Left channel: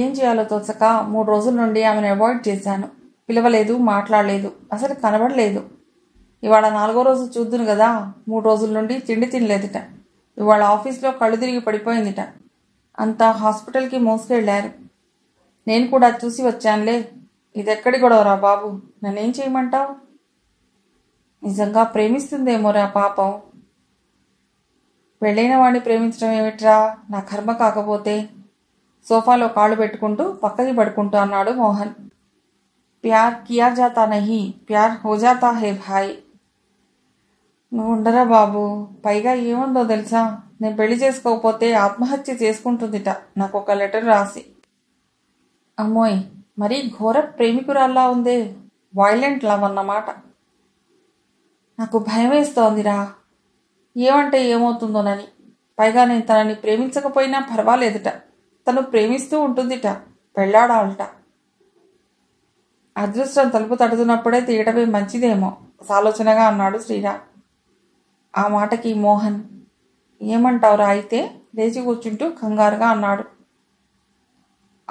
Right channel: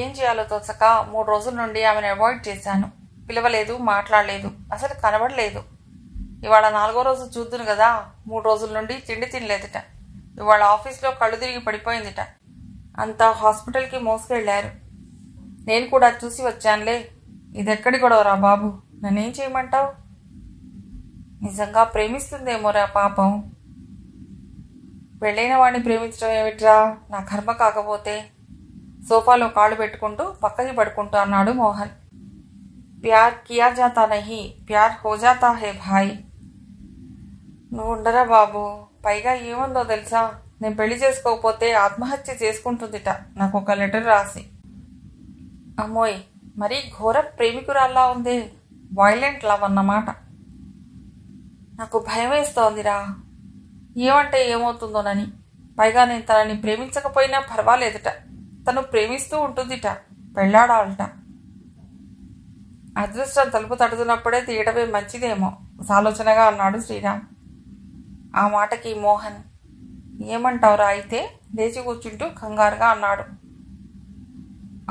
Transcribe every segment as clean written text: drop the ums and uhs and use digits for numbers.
ఏం చేయాలో తోచక 3 రోజుల నుండి ఆమెను అవాయిడ్ చేశాను. పిలవలేదు, మాట్లాడలేదు, అసలు కనబడలేదు. ఇవాళ 4వ రోజు చూద్దును కదా. 3 రోజుల నుండి తిండి తినలేదుట. ఇవాళ ఆఫీస్లో కళ్ళు తిరిగి పడిపోయిందిట. అంతా హాస్పిటల్కి మోసుకెళ్లారు. నేను కూడా చూసి వచ్చానులే. ఇదెక్కడి గొడవరా బాబు, నన్నేం చేయమంటావు? నిజంగా ప్రేమిస్తుందేమోరా పాపం. పెళ్ళైన వాడిని ప్రేమించడం ఏమిట్రా, నా కర్మ కాకపోతే. సోఫాలో కాళ్ళు పెట్టుకుంటూ పక్కకి పడుకుంటూ అన్నాడు మోహన్. ప్యార్ కియా జాతా నహీ, ప్యార్ హో జాతా హే భాయ్. నువ్వు ఉండరా బాబు. పైగా ఏముందో తెలుసా, నేను పెళ్లి చేసుకోకపోతే ఆత్మహత్య చేసుకుంటుందిట నాకు ఒక లెటర్ రాసి. అమ్మోయ్, మరీ ఘోర ప్రేమికురాల్లా ఉందే. వైలెంట్ లవ్ అన్నమాట. నాకు భయం వేస్తోందిరా, ఏమంటే ఏమవుతుందోనని. పైగా నేను తనని ప్రేమించకపోయినా పర్వాలేదుట, తను ప్రేమిస్తూ ఉంటుందిట, పెళ్లాడాలట. అదృష్టం తలుపు తడుతున్నప్పుడే తీయడమే మంచిదేమో సాలోచనగా అన్నాడు శ్రీరామ్. ఆ మాటకి మోహన్, ఏమంటావురా అయితే, లేచి కూర్చుంటూ కంగారుగా అన్నాడు.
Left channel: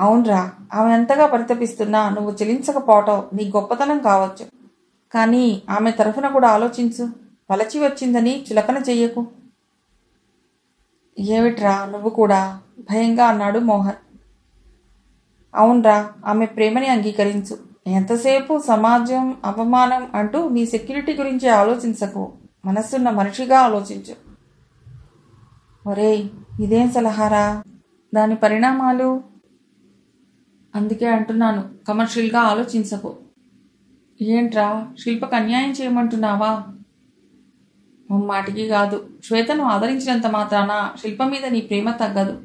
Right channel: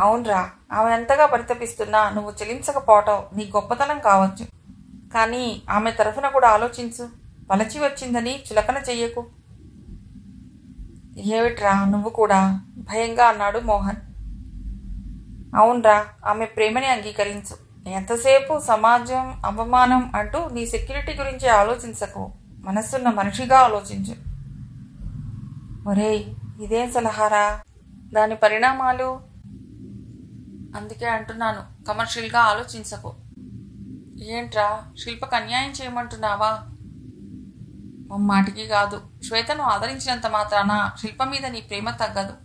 అవునరా, ఆమె ఎంతగా పరితపిస్తున్నా నువ్వు చెలించకపోవటం నీ గొప్పతనం కావచ్చు. కానీ ఆమె తరఫున కూడా ఆలోచించు. వలచి వచ్చిందని చులకన చెయ్యకు. ఏమిట్రా నువ్వు కూడా, భయంగా అన్నాడు మోహన్. అవునరా, ఆమె ప్రేమని అంగీకరించు. ఎంతసేపు సమాజం, అవమానం అంటూ నీ సెక్యూరిటీ గురించి ఆలోచించకు. మనస్సున్న మనిషిగా ఆలోచించు. ఒరేయ్, ఇదేం సలహారా? దాని పరిణామాలు? అందుకే అంటున్నాను, కమర్షియల్గా ఆలోచించకు. ఏంట్రా, శిల్పకు అన్యాయం చేయమంటున్నావా? మాటికి కాదు. శ్వేతను ఆదరించినంత మాత్రాన శిల్ప మీద నీ ప్రేమ తగ్గదు.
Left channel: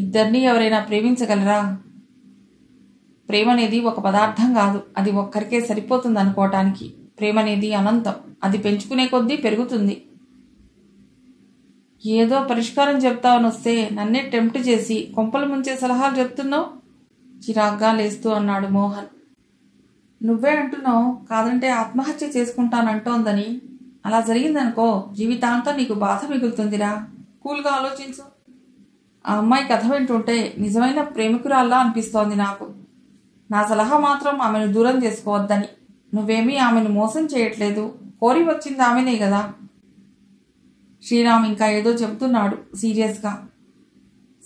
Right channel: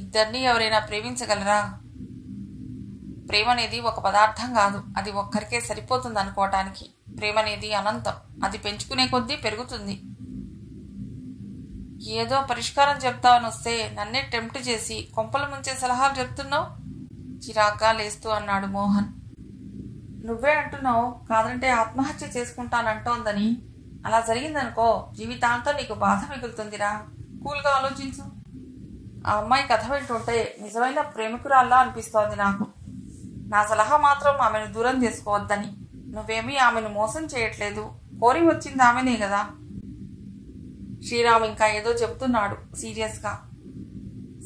ఇద్దరినీ ఎవరైనా ప్రేమించగలరా? ప్రేమ అనేది ఒక పదార్థం కాదు, అది ఒక్కరికే సరిపోతుంది అనుకోవటానికి. ప్రేమ అనేది అనంతం, అది పెంచుకునే కొద్దీ పెరుగుతుంది. ఏదో పరిష్కారం చెప్తావని వస్తే నన్నే టెంప్ట్ చేసి కొంపలు ముంచే సలహాలు చెప్తున్నావు, చిరాగ్గా లేస్తూ అన్నాడు మోహన్. నువ్వే అంటున్నావు కాదంటే ఆత్మహత్య చేసుకుంటానంటోందని. అలా జరిగిందనుకో జీవితాంతం నీకు బాధ మిగులుతుందిరా. కూల్గా ఆలోచించు. ఆ అమ్మాయి కథ వింటుంటే నిజమైన ప్రేమికురాల్లా అనిపిస్తోంది నాకు. నా సలహా మాత్రం ఆమెను దూరం చేసుకోవద్దని. నువ్వేమీ ఆమెను మోసం చేయట్లేదు, కోరి వచ్చింది ఆమెనే కదా. శ్రీరామ్ ఇంకా ఏదో చెబుతున్నాడు సీరియస్గా.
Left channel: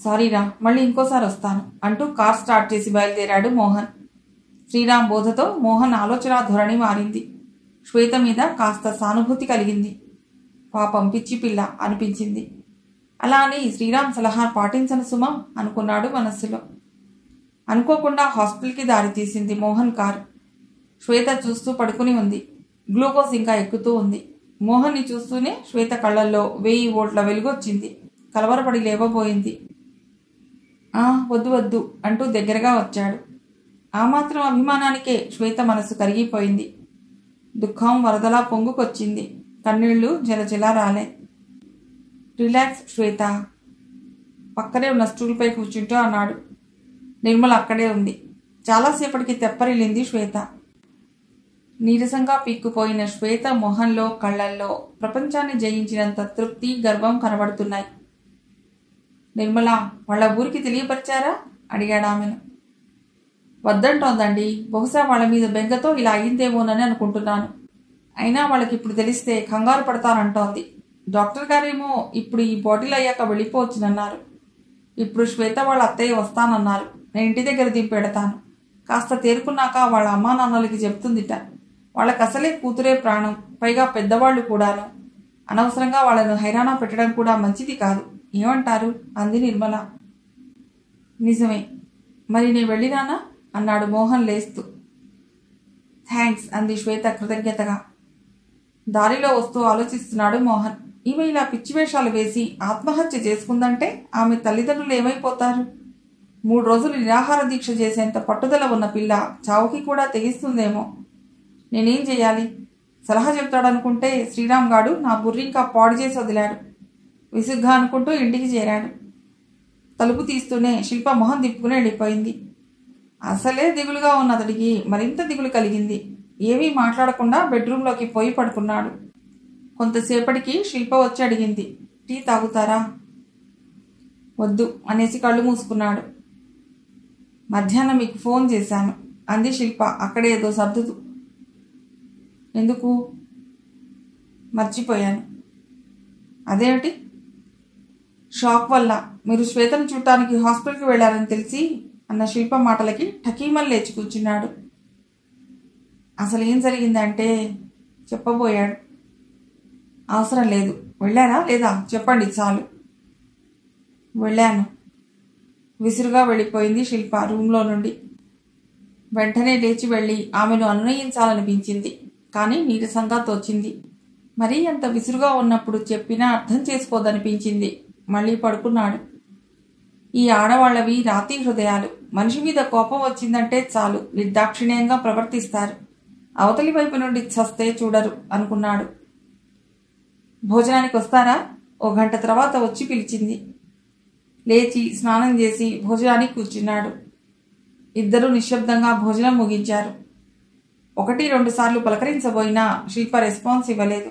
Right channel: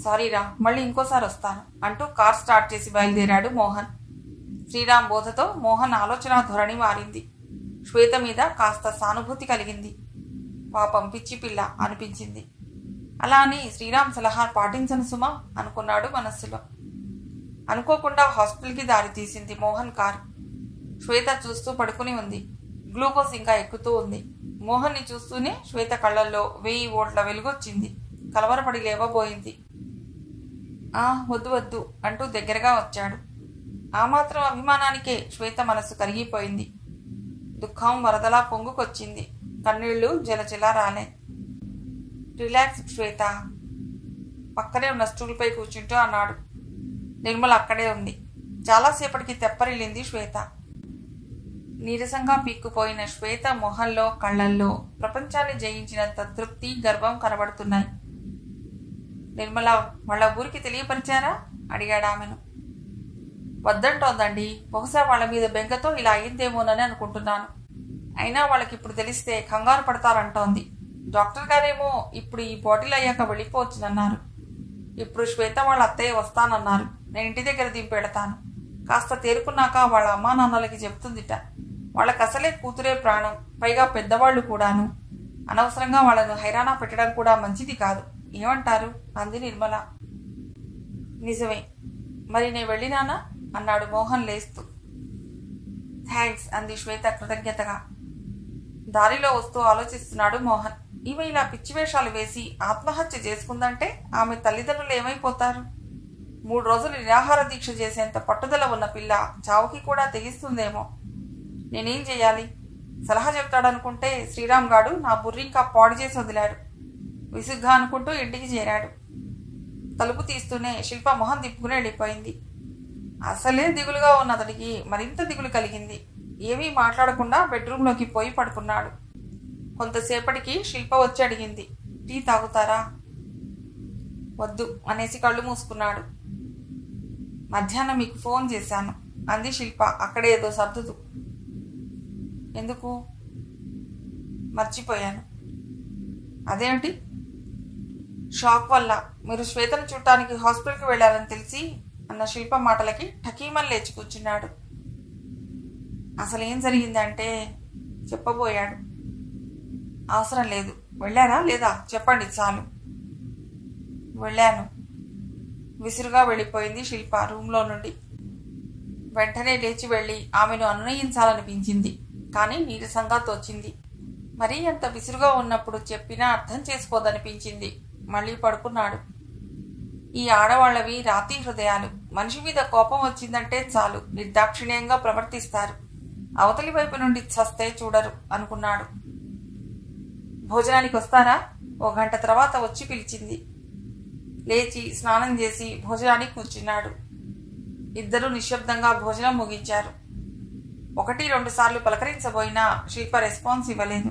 సారీరా, మళ్ళీ ఇంకోసారి వస్తాను అంటూ కార్ స్టార్ట్ చేసి బయలుదేరాడు మోహన్. శ్రీరామ్ బోధతో మోహన్ ఆలోచన ధోరణి మారింది. శ్వేత మీద కాస్త సానుభూతి కలిగింది. పాపం పిచ్చి పిల్ల అనిపించింది. అలా అని శ్రీరామ్ సలహా పాటించను సుమా అనుకున్నాడు మనస్సులో. అనుకోకుండా హాస్పిటల్కి దారి తీసింది మోహన్ కారు. శ్వేత చూస్తూ పడుకుని ఉంది. గ్లూకోజ్ ఇంకా ఎక్కుతూ ఉంది. మోహన్ని చూస్తూనే శ్వేత కళ్లల్లో 1000 వోల్ట్ల వెలుగొచ్చింది. కలవరపడి లేవబోయింది. వద్దు వద్దు అంటూ దగ్గరగా వచ్చాడు. ఆ మాత్రం అభిమానానికే శ్వేత మనసు కరిగిపోయింది. దుఃఖం వరదలా పొంగుకొచ్చింది. కన్నీళ్లు జలజలా రాలే. రిలాక్స్ శ్వేత, పక్కనే ఉన్న స్టూల్పై కూర్చుంటూ అన్నాడు. నిర్మల అక్కడే ఉంది. చాలాసేపటికి తెప్పరిల్లింది శ్వేత. నీరసంగా పీక్కుపోయిన శ్వేత మొహంలో, కళ్లల్లో ప్రపంచాన్ని జయించినంత తృప్తి, గర్వం కనబడుతున్నాయి. నిర్మల, వాళ్ళ ఊరికి తెలియపరిచారా? అడిగాడామెను. వద్దంటోందండి. బహుశా వాళ్ళ మీద బెంగతో ఇలా అయిందేమోనని అనుకుంటున్నాను. అయినా వాళ్ళకి ఇప్పుడు తెలిస్తే కంగారు పడతానంటోంది. డాక్టర్ గారేమో ఇప్పుడు ఈ బాటిల్ అయ్యాక వెళ్ళిపోవచ్చునన్నారు. ఇప్పుడు శ్వేత వాళ్ళ అత్తయ్య వస్తానన్నారు. నేను ఇంటి దగ్గర దింపెడతాను. కాస్త తేరుకున్నాక వాళ్ళ అమ్మా నాన్నలకి చెప్తుందిట. వాళ్ళకి అసలే కూతురే ప్రాణం, పైగా పెద్దవాళ్లు కూడాను. అనవసరంగా వాళ్ళను హైరాణ పెట్టడం కూడా మంచిది కాదు. ఏమంటారు? అంది నిర్మల. నిజమే, మరి నేను వెళ్ళినానా అన్నాడు మోహన్ లేస్తూ. థ్యాంక్స్ అంది శ్వేత కృతజ్ఞతగా. దారిలో వస్తూ ఆలోచిస్తున్నాడు మోహన్. ఈమె ఇలా పిచ్చివేషాలు వేసి ఆత్మహత్య చేసుకుందంటే ఆమె తల్లిదండ్రులు ఏమైపోతారు? 3 రోజులు నిరాహార దీక్ష చేసేంత పట్టుదల ఉన్న పిల్ల చావుకి కూడా తెగిస్తుందేమో. నేనేం చెయ్యాలి? సలహా చెప్తాడనుకుంటే శ్రీరామ్ గాడు నా బుర్రింకా పాడు చేసి వదిలాడు. విసుగ్గా అనుకుంటూ ఇంటికి చేరాడు. తలుపు తీస్తూనే శిల్ప మొహం తిప్పుకుని వెళ్ళిపోయింది. అసలే దిగులుగా ఉన్న అతడికి మరింత దిగులు కలిగింది. ఏమీ మాట్లాడకుండా బెడ్రూంలోకి పోయి పడుకున్నాడు. కొంతసేపటికి శిల్ప వచ్చి అడిగింది, టీ తాగుతారా? వద్దు అనేసి కళ్ళు మూసుకున్నాడు. మధ్యాహ్నం మీకు ఫోన్ చేశాను అంది శిల్ప అక్కడే ఏదో సర్దుతూ. ఎందుకు? మర్చిపోయాను. అదేమిటి? షాక్ వల్ల మీరు శ్వేతను చూడటానికి హాస్పిటల్కి వెళ్లారని తెలిసి అన్న శిల్ప మాటలకి ఠకీమని లేచి కూర్చున్నాడు. అసలు ఏం జరిగిందంటే చెప్పబోయాడు. అవసరం లేదు. వెళ్ళారా లేదా చెప్పండి చాలు. వెళ్ళాను. విసురుగా వెళ్ళిపోయింది శిల్ప రూంలో నుండి. వెంటనే లేచి వెళ్ళి ఆమెను అనునయించాలనిపించింది. కానీ నీరసంగా తోచింది. మరీ అంత విసురుగా ఉన్నప్పుడు చెప్పినా అర్థం చేసుకోదనిపించింది. మళ్ళీ పడుకున్నాడు. ఈ ఆడవాళ్లవి రాతి హృదయాలు. మనిషి మీద కోపం వచ్చిందంటే చాలు నిర్దాక్షిణ్యంగా ప్రవర్తిస్తారు. అవతలి వైపు నుండి చస్తే చూడరు అనుకున్నాడు. భోజనానికి వస్తారా? ఓ గంట తర్వాత వచ్చి పిలిచింది. లేచి స్నానం చేసి భోజనానికి కూర్చున్నాడు. ఇద్దరూ నిశ్శబ్దంగా భోజనం ముగించారు. 1-2 సార్లు పలకరించబోయినా శిల్ప రెస్పాన్స్ ఇవ్వలేదు.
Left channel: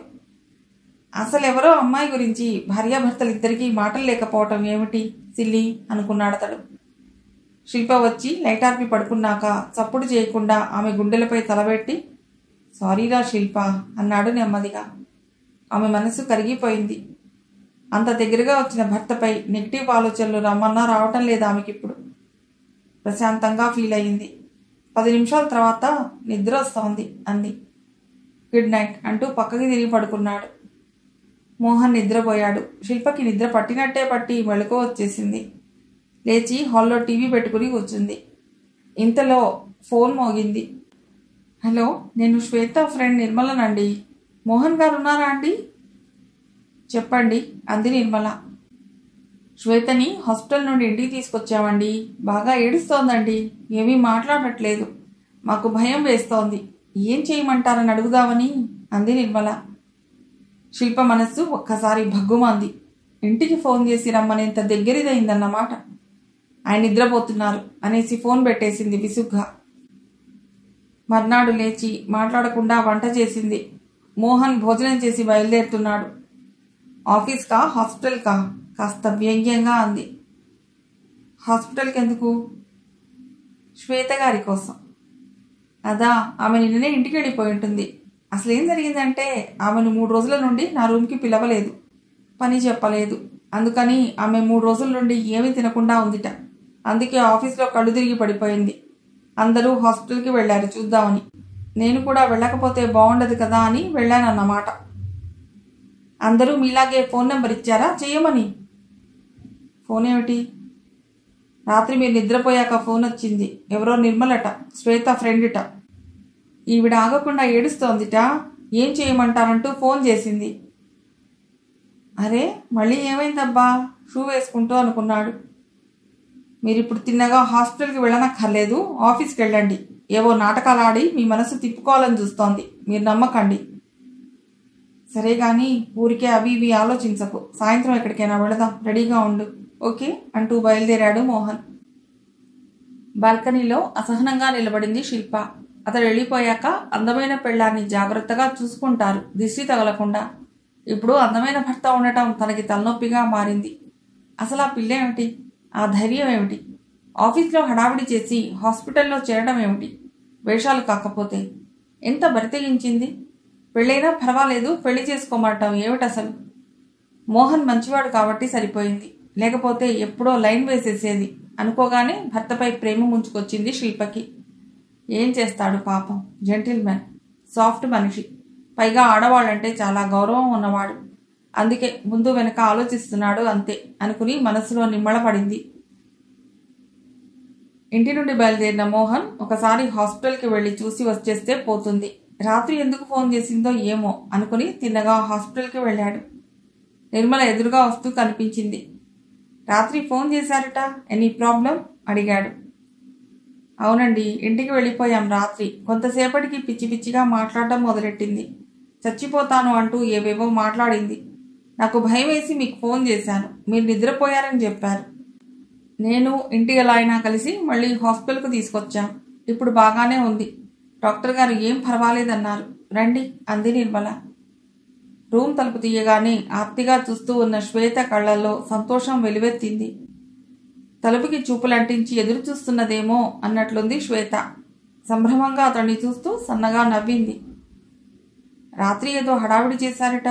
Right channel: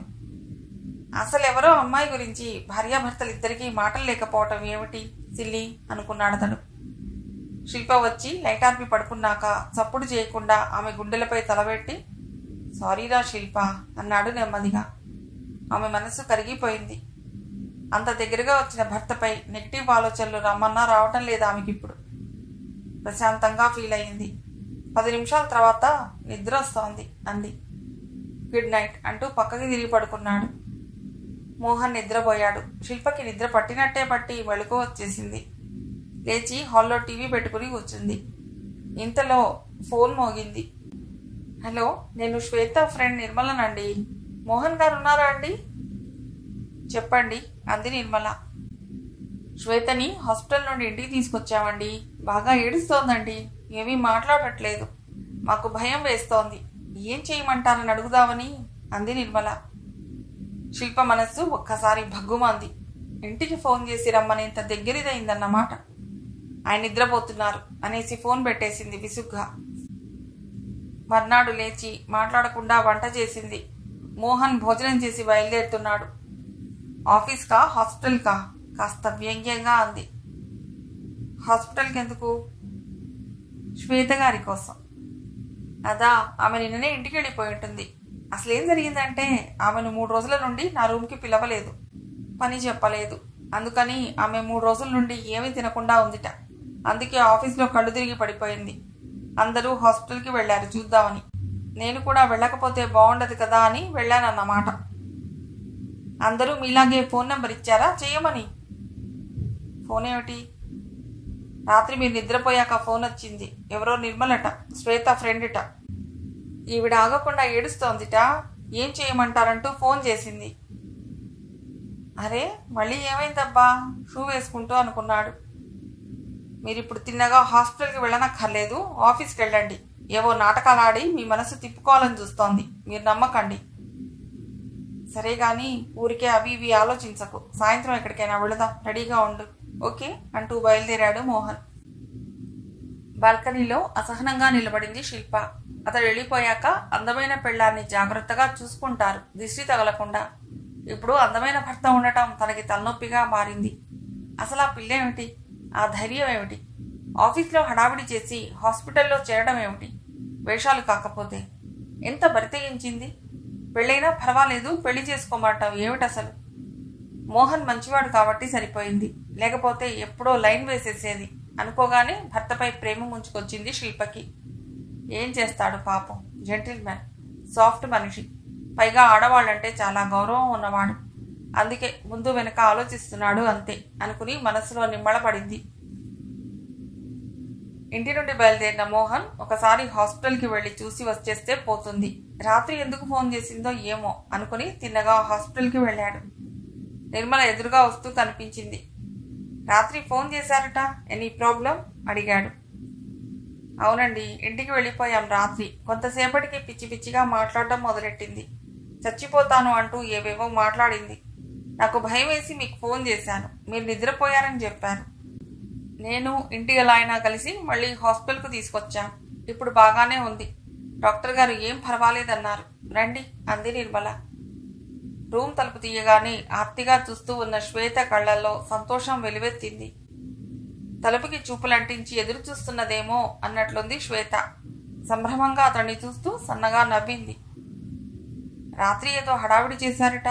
అసలెవరో అమ్మాయి గురించి భార్యాభర్తలిద్దరికీ మాటలు లేకపోవటం ఏమిటి సిల్లి అనుకున్నాడతడు. శిల్ప వచ్చి లైటార్పి పడుకున్నాక చప్పుడు చేయకుండా ఆమె గుండెలపై తలబెట్టి సారీరా శిల్ప అన్నాడు నెమ్మదిగా. ఆమె మనసు కరిగిపోయింది. అంత దగ్గరగా వచ్చిన భర్తపై నెగిటివ్ ఆలోచనలు రమ్మన్నా రావటం లేదు ఆమెకిప్పుడు. ప్రశాంతంగా ఫీల్ అయింది. 10 నిమిషాల తర్వాత నిద్ర వస్తోంది అంది. గుడ్ నైట్ అంటూ పక్కకి తిరిగి పడుకున్నాడు. మోహన్ నిద్రపోయాడు. శిల్పకి నిద్ర పట్టినట్టే పట్టి మెళకువ వచ్చేసింది. లేచి హాల్లో టీవీ పెట్టుకుని కూర్చుంది. ఇంతలో ఫోన్ మోగింది. హలో, నేను శ్వేత ఫ్రెండ్ నిర్మలనండి. మోహన్ గారు ఉన్నారా అండి? చెప్పండి అంది నిర్మల. శ్వేతని హాస్పిటల్ నుండి ఇంటికి తీసుకొచ్చామండి. బాగా ఏడుస్తోందండి. ఏమీ మాట్లాడట్లేదు. మాకు భయం వేస్తోంది. ఏం చేయమంటారని అడుగుదామని అంది నిర్మల. శిల్ప మనస్సు ఒక్కసారి భగ్గుమంది. ఇంటికి ఫోన్ చేసి రమ్మనేంత దగ్గరిదైందన్నమాట. ఆయన నిద్రపోతున్నారు అనేసి ఫోన్ పెట్టేసింది విసుగ్గా. మర్నాడు లేచి మాట్లాడకుండా వంట చేసింది. మోహన్ భోజనం చేసి బయలుదేరుతున్నాడు. ఆఫీస్కా హాస్పిటల్కా కాస్త వ్యంగ్యంగా అంది. హాస్పిటల్కి ఎందుకు? శ్వేత గారి కోసం. అదా, ఆమె నిన్ననే ఇంటికి వెళ్ళిపోయి ఉంటుంది. అసలేం జరిగిందంటే ఆమెను 3 రోజుల నుండి నా రూమ్కి పిలవలేదు. పని చెప్పలేదు. అందుకని ఆమె 3 రోజుల నుండి ఏమీ తినకుండా ఉందిట. అందుకే ఆఫీస్లో కళ్ళు తిరిగి పడిపోయింది. అందరూ హాస్పిటల్కి వెళ్లారు చూద్దామని. నేను కూడా వెళ్ళకపోతే బాగుండదు కదా అని వెళ్ళానన్నమాట. అందరూ మీలాగే ఫోన్ నెంబర్ ఇచ్చారా చేయమని? ఫోన్ ఏమిటి? రాత్రి మీరు నిద్రపోయాక ఫోన్ వచ్చింది. ఎవరో నిర్మలట, శ్వేత ఫ్రెండ్ట. ఈవిడ ఆగకుండా ఏడుస్తోందిట. ఏం చేయమంటారంటూ ఫోన్ చేసింది. అరే, మళ్ళీ ఏమైందబ్బా షూ వేసుకుంటూ అనుకున్నాడు. మీరిప్పుడు తిన్నగా హాస్పిటల్కి వెళ్ళనక్కర్లేదు. ఆఫీస్కి వెళ్ళండి. ఏవో నాటకాలు ఆడి మీ మనసు తిప్పుకోవాలని చూస్తోంది. మీరు నమ్మకండి. సరే గాని ఊరికే అవి ఇవి ఆలోచించకు. సాయంత్రం ఎక్కడికైనా వెళదాం. రెడీగా ఉండు. ఓకే అంటూ బయలుదేరాడు మోహన్. బాల్కనీలో అసహనంగా నిలబడింది శిల్ప. అతడు వెళ్ళిపోయాక అందమైన పెళ్లాన్ని జాగ్రత్తగా చూసుకుంటారు దిష్టి తగలకుండా. ఇప్పుడు అందమైన భర్త ఉండటం తనకి తలనొప్పిగా మారింది. అసలు ఆ పిల్లేమిటి? ఆ ధైర్యం ఏమిటి? ఆఫీస్లో హడావిడి చేసి హాస్పిటల్లో చేరడం ఏమిటి? వేషాలు కాకపోతే ఎంత బరితెగించింది. పెళ్ళైనా పర్వాలేదు, పెళ్లి చేసుకోమంటాం ఏమిటసలు? మోహన్ మంచివాడు కాబట్టి సరిపోయింది. లేకపోతే ఎప్పుడో లైన్ వేసేసేది అనుకోగానే భర్తపై ప్రేమ ముంచుకొచ్చింది శిల్పకి. ఏం చేస్తాడు పాపం. జెంటిల్మెన్, సాఫ్ట్ మనిషి. పైగా ఆడవాళ్ళంటే చాలా గౌరవం ఉన్నవాడు. అందుకే ముందు వెనక ఆలోచిస్తున్నాడు అంతే అనుకుని మనసులో నిమ్మళపడింది. ఇంటి నుండి బయలుదేరిన మోహన్ ఒకసారి హాస్పిటల్కి వెళ్లి చూసి వచ్చేస్తే పోతుంది. రాత్రి ఎందుకు ఫోన్ చేసిందో ఏమో అనుకుని తిన్నగా హాస్పిటల్కి వెళ్ళాడు. నిర్మల ఎదురుగా వస్తూ కనిపించింది. రాత్రి ఫోన్ చేశారట, ఎనీ ప్రాబ్లం అడిగాడు. అవునండి, ఇంటికి వెళ్ళిపోయాం రాత్రి. కొంతసేపటికి పిచ్చి పిచ్చిగా మాట్లాడటం మొదలెట్టింది. చచ్చిపోతాను అంటూ ఏవేవో మాట్లాడింది. నాకు భయం వేసి మీకు ఫోన్ చేశాను. మీరు నిద్రపోయారని చెప్పారు. నేను ఇంటి ఎలా అయినా కలిసి మళ్ళీ హాస్పిటల్కు తీసుకొచ్చాం. ఇప్పుడు బాగానే ఉంది. డాక్టర్ గారు ఏం పర్వాలేదన్నారు. రండి అంది నిర్మల. రూమ్ తలుపు తీయగానే ఆర్తిగా చూస్తూ ఉన్న శ్వేత కళ్లల్లో సంతోషం వెలువెత్తింది. తలుపుకి చూపులంటించి ఎదురు చూస్తున్నదేమో అన్నట్లుంది శ్వేత. సంభ్రమంగా అతన్ని చూస్తూ సన్నగా నవ్వింది. రాత్రి ఏదో హడావిడి చేశారట.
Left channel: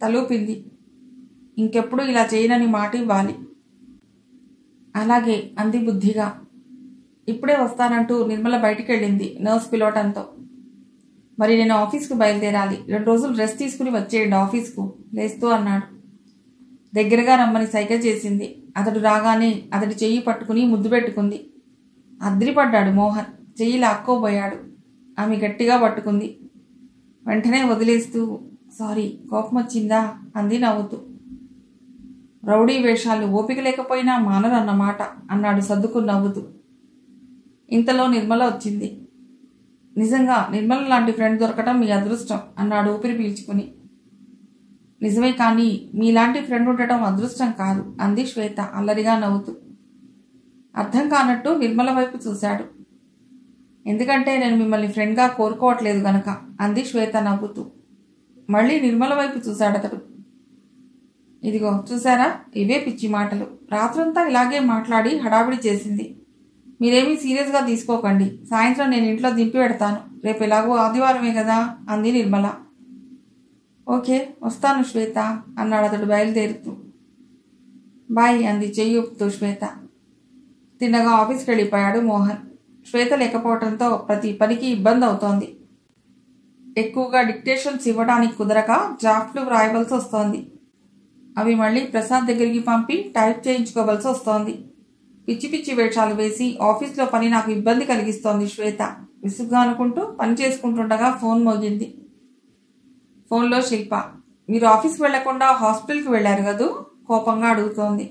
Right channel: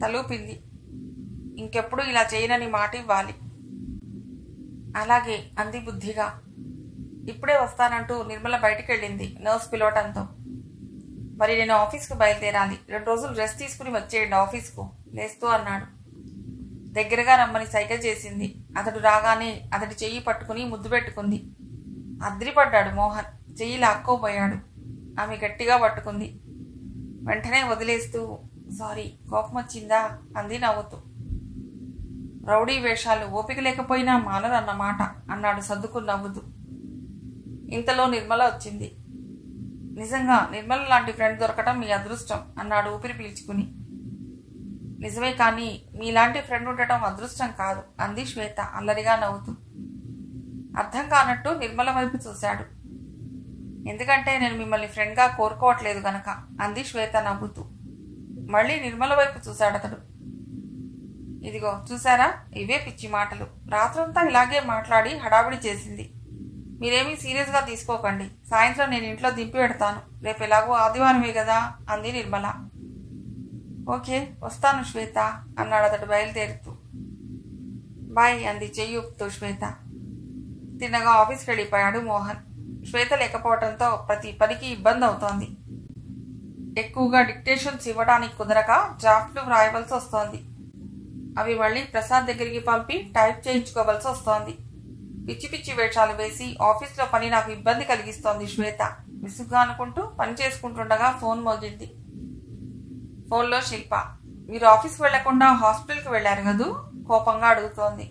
తలూపింది. ఇంకెప్పుడు ఇలా చేయనని మాట ఇవ్వాలి. అలాగే అంది బుద్ధిగా. ఇప్పుడే వస్తానంటూ నిర్మల బయటికెళ్ళింది నర్స్ పిలవటంతో. మరి నేను ఆఫీస్కు బయలుదేరాలి. 2 రోజులు రెస్ట్ తీసుకుని వచ్చేయండి ఆఫీస్కు లేస్తూ అన్నాడు. దగ్గరగా రమ్మని సైగ చేసింది. అతడు రాగానే అతడి చెయ్యి పట్టుకుని ముద్దు పెట్టుకుంది. అద్రిపడ్డాడు మోహన్. చెయ్యి లాక్కోబోయాడు. ఆమె గట్టిగా పట్టుకుంది. వెంటనే వదిలేస్తూ సారీ కోపం వచ్చిందా అంది నవ్వుతూ. రౌడీ వేషాలు ఓపిక లేకపోయినా మానరన్నమాట అన్నాడు సర్దుకు నవ్వుతూ. ఇంతలో నిర్మల వచ్చింది. నిజంగా నిర్మల లాంటి ఫ్రెండ్ దొరకటం మీ అదృష్టం అన్నాడు ఊపిరి పీల్చుకుని. నిజమే, కానీ మీలాంటి ఫ్రెండ్ ఉండటం అదృష్టం కాదు అంది శ్వేత అల్లరిగా నవ్వుతూ. అర్థం కానట్టు నిర్మల వైపు చూశాడు. ఎందుకంటే నేను మిమ్మల్ని ఫ్రెండ్గా కోరుకోవట్లేదు గనక అంది శ్వేత నవ్వుతూ. మళ్ళీ నిర్మల వైపు చూశాడతడు. ఇదిగో చూశారా, ఇవే పిచ్చి మాటలు. రాత్రంతా ఇలాగే మాట్లాడి హడావిడి చేసింది. మీరేమీ సీరియస్గా తీసుకోకండి. సాయంత్రం నేను ఇంట్లో దింపి పెడతాను. రేపు ఎలాగో ఆదివారమే కదా అంది నిర్మల. ఓకే వస్తాను శ్వేత అన్నాడు అతడు బయలుదేరుతూ. బాయ్ అంది చెయ్యి ఊపుతూ శ్వేత. తిన్నగా ఆఫీస్కి వెళ్ళిపోయాడు మోహన్. శ్వేత లేకపోవడంతో ప్రతి పనికి ఇబ్బంది అవుతోంది. ఎక్కువగా డిక్టేషన్స్ ఇవ్వడానికి కుదరక డ్రాఫ్ట్లు వ్రాయవలసి వస్తోంది. అవి మళ్ళీ ప్రసాద్ దగ్గరికి పంపి టైప్ చేయించుకోవలసి వస్తోంది. పిచ్చి పిచ్చి వేషాలు వేసి ఆఫీస్లో పని నాకు ఇబ్బంది కలిగిస్తోంది శ్వేత. విసుగ్గా అనుకుంటూ పని చేసుకుంటుండగా ఫోన్ మోగింది. ఫోన్లో శిల్ప. మీరు ఆఫీస్కి వెళ్లకుండా హాస్పిటల్కి వెళ్లారు కదూ కోపంగా అడుగుతోంది.